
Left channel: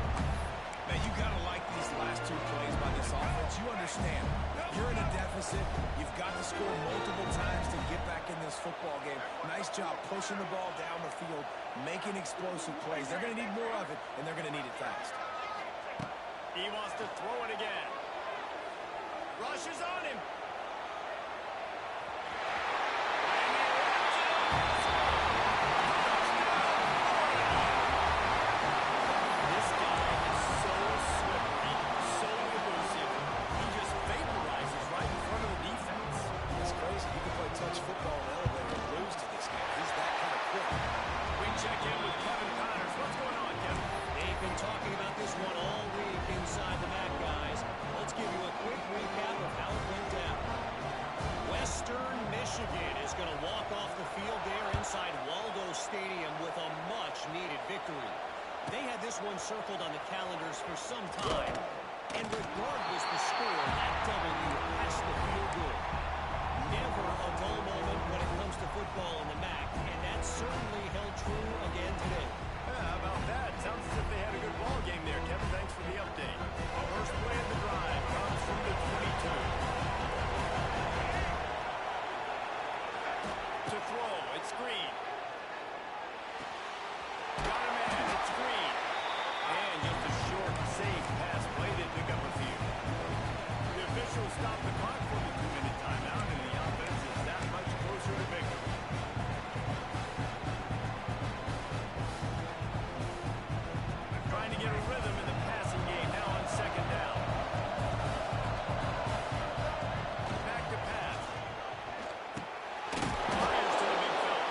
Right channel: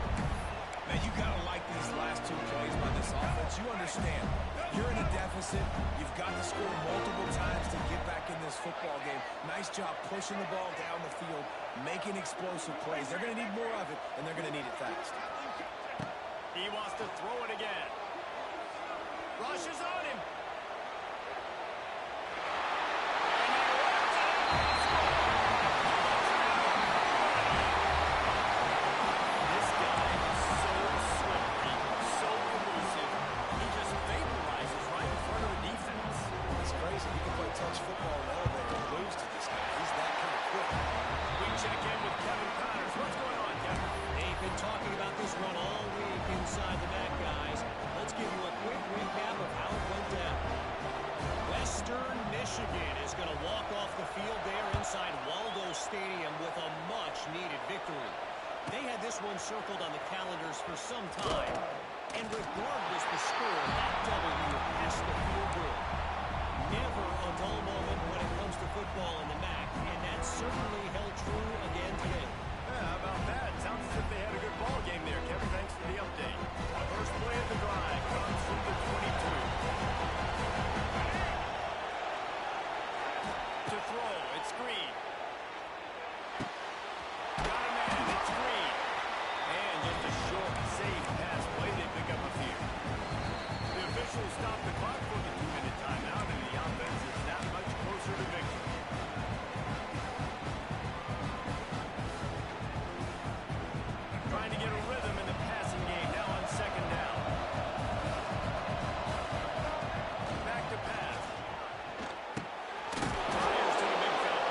Man, you got to like these last 2 plays by this offense. You understand. You're in a deficit. You've got to score multiple times to get back in this football game. Nice job pushing the ball down the field, making explosive plays. They're going to need more of it, and they're going to need it fast. He wants to throw it again. Rushes on him. And he runs it across the goal. Touchdown, Florida. This guy is so slippery, so elusive. He just vaporizes right in front of the defense. It's crazy. You can play touch football in an elevator and lose to this guy. He's that kind of quick. We check in with Kevin Connors. What's going on, Kevin? They've been talking about this one all week inside the MAC, guys. Let's give you a quick recap of how it went down. Western Michigan is going to walk off the field there inside Waldo Stadium with a much-needed victory. They had this one circled on the calendars for some time, and regardless the score, that W has to feel good. Never a dull moment when it comes to football in the MAC, and that certainly held true again today. How about that? Sounds as if they had a good ball game there, Kevin. Thanks for the update. First play of the drive comes from the 22. To throw, it's Green. Got a man, it's Green. And just a short, safe pass play. They pick up a few. The officials stop the clock for the 2-minute timeout, and the offense is that much closer to victory. Trying to get a rhythm in the passing game now on second down. Back to pass. Fires to the big fella.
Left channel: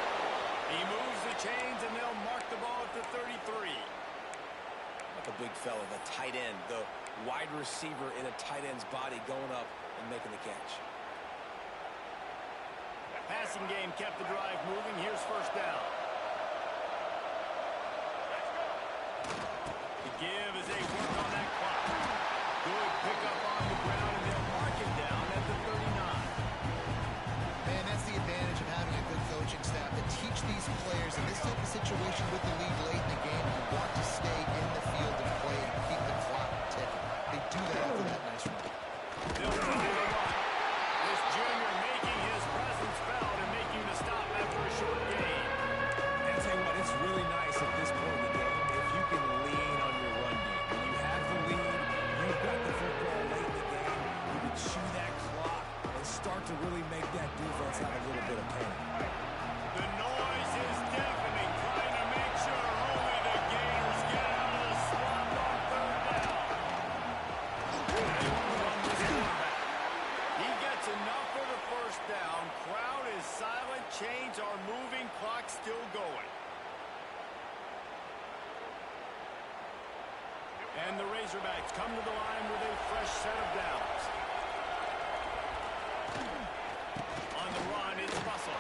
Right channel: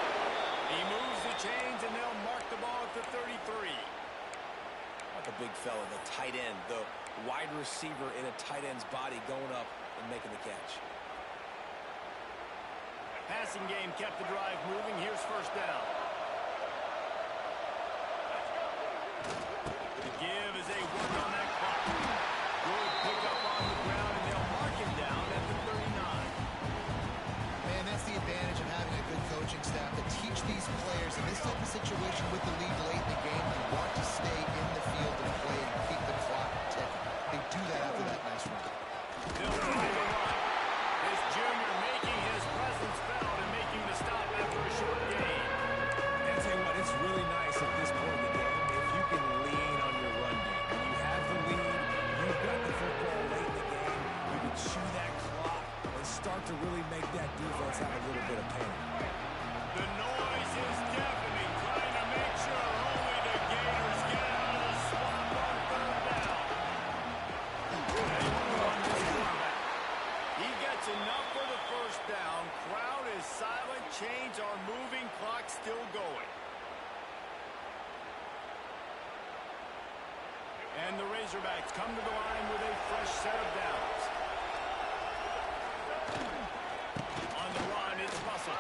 He moves the chains, and they'll mark the ball at the 33. Not the big fella, the tight end, the wide receiver in a tight end's body going up and making the catch. Passing game kept the drive moving. Here's first down. The give as they work on that clock. Good pickup on the ground, and they'll mark him down at the 39. Man, that's the advantage of having a good coaching staff to teach these players in this type of situation with the lead late in the game. You want to stay in the field and play and keep the clock ticking. They do that after that nice run. They'll try to run. This junior making his presence felt and making the stop after a short gain. And tell you what, it's really nice at this point in the game if you can lean on your run game. When you have the lead, you've got the football late in the game, you can chew that clock and start to really make that defense have a little bit of panic. The noise is deafening, trying to make sure only the Gators get out of the swamp on third down. They want to run this quarterback. He gets enough for the first down. Crowd is silent. Chains are moving. Clock still going. And the Razorbacks come to the line with a fresh set of downs. On the run, it's Russell.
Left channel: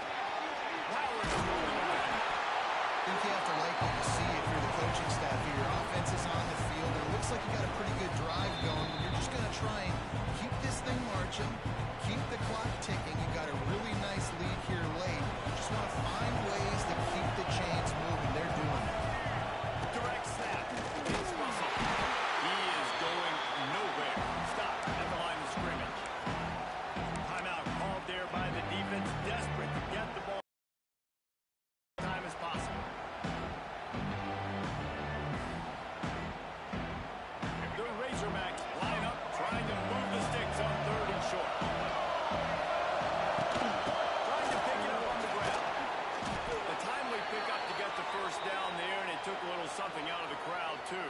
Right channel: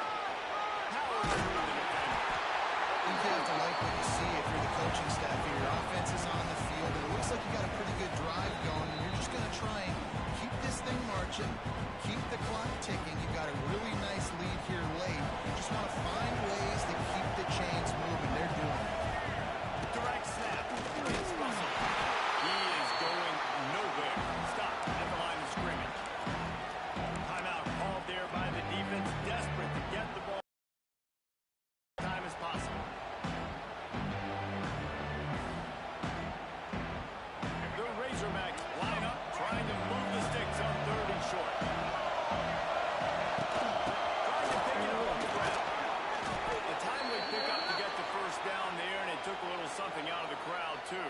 Powers through the defender. I think you have to like what you see if you're the coaching staff here. Your offense is on the field, and it looks like you got a pretty good drive going, and you're just going to try and keep this thing marching, keep the clock ticking. You've got a really nice lead here late. You just want to find ways to keep the chains moving. They're doing it. Direct snap. It's Russell. He is going nowhere. Stop at the line of scrimmage. Timeout called there by the defense, desperate to get the ball as time as possible. The Razorbacks line up, trying to move the sticks on third and short. Trying to pick it up on the ground. A timely pickup to get the first down there, and it took a little something out of the crowd, too.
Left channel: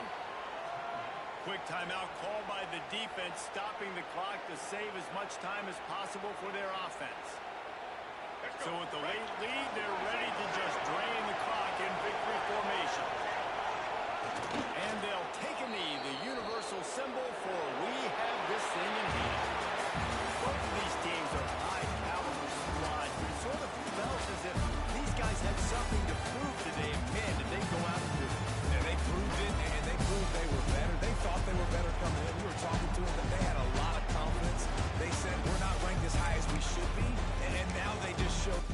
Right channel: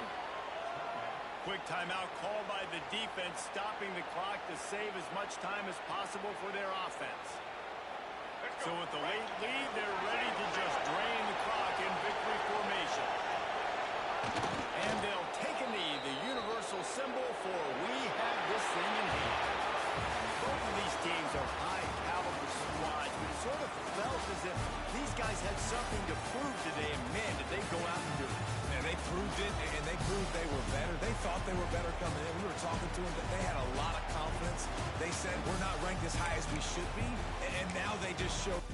Quick timeout called by the defense, stopping the clock to save as much time as possible for their offense. So with the late lead, they're ready to just drain the clock in victory formation. And they'll take a knee, the universal symbol for we have this thing in hand. Both of these teams are high-caliber squads, but it sort of felt as if these guys had something to prove today, and man, did they go out and do it. And they proved it, and they proved they were better. They thought they were better coming in. We were talking to them, but they had a lot of confidence. They said, we're not ranked as high as we should be, and now they just showed...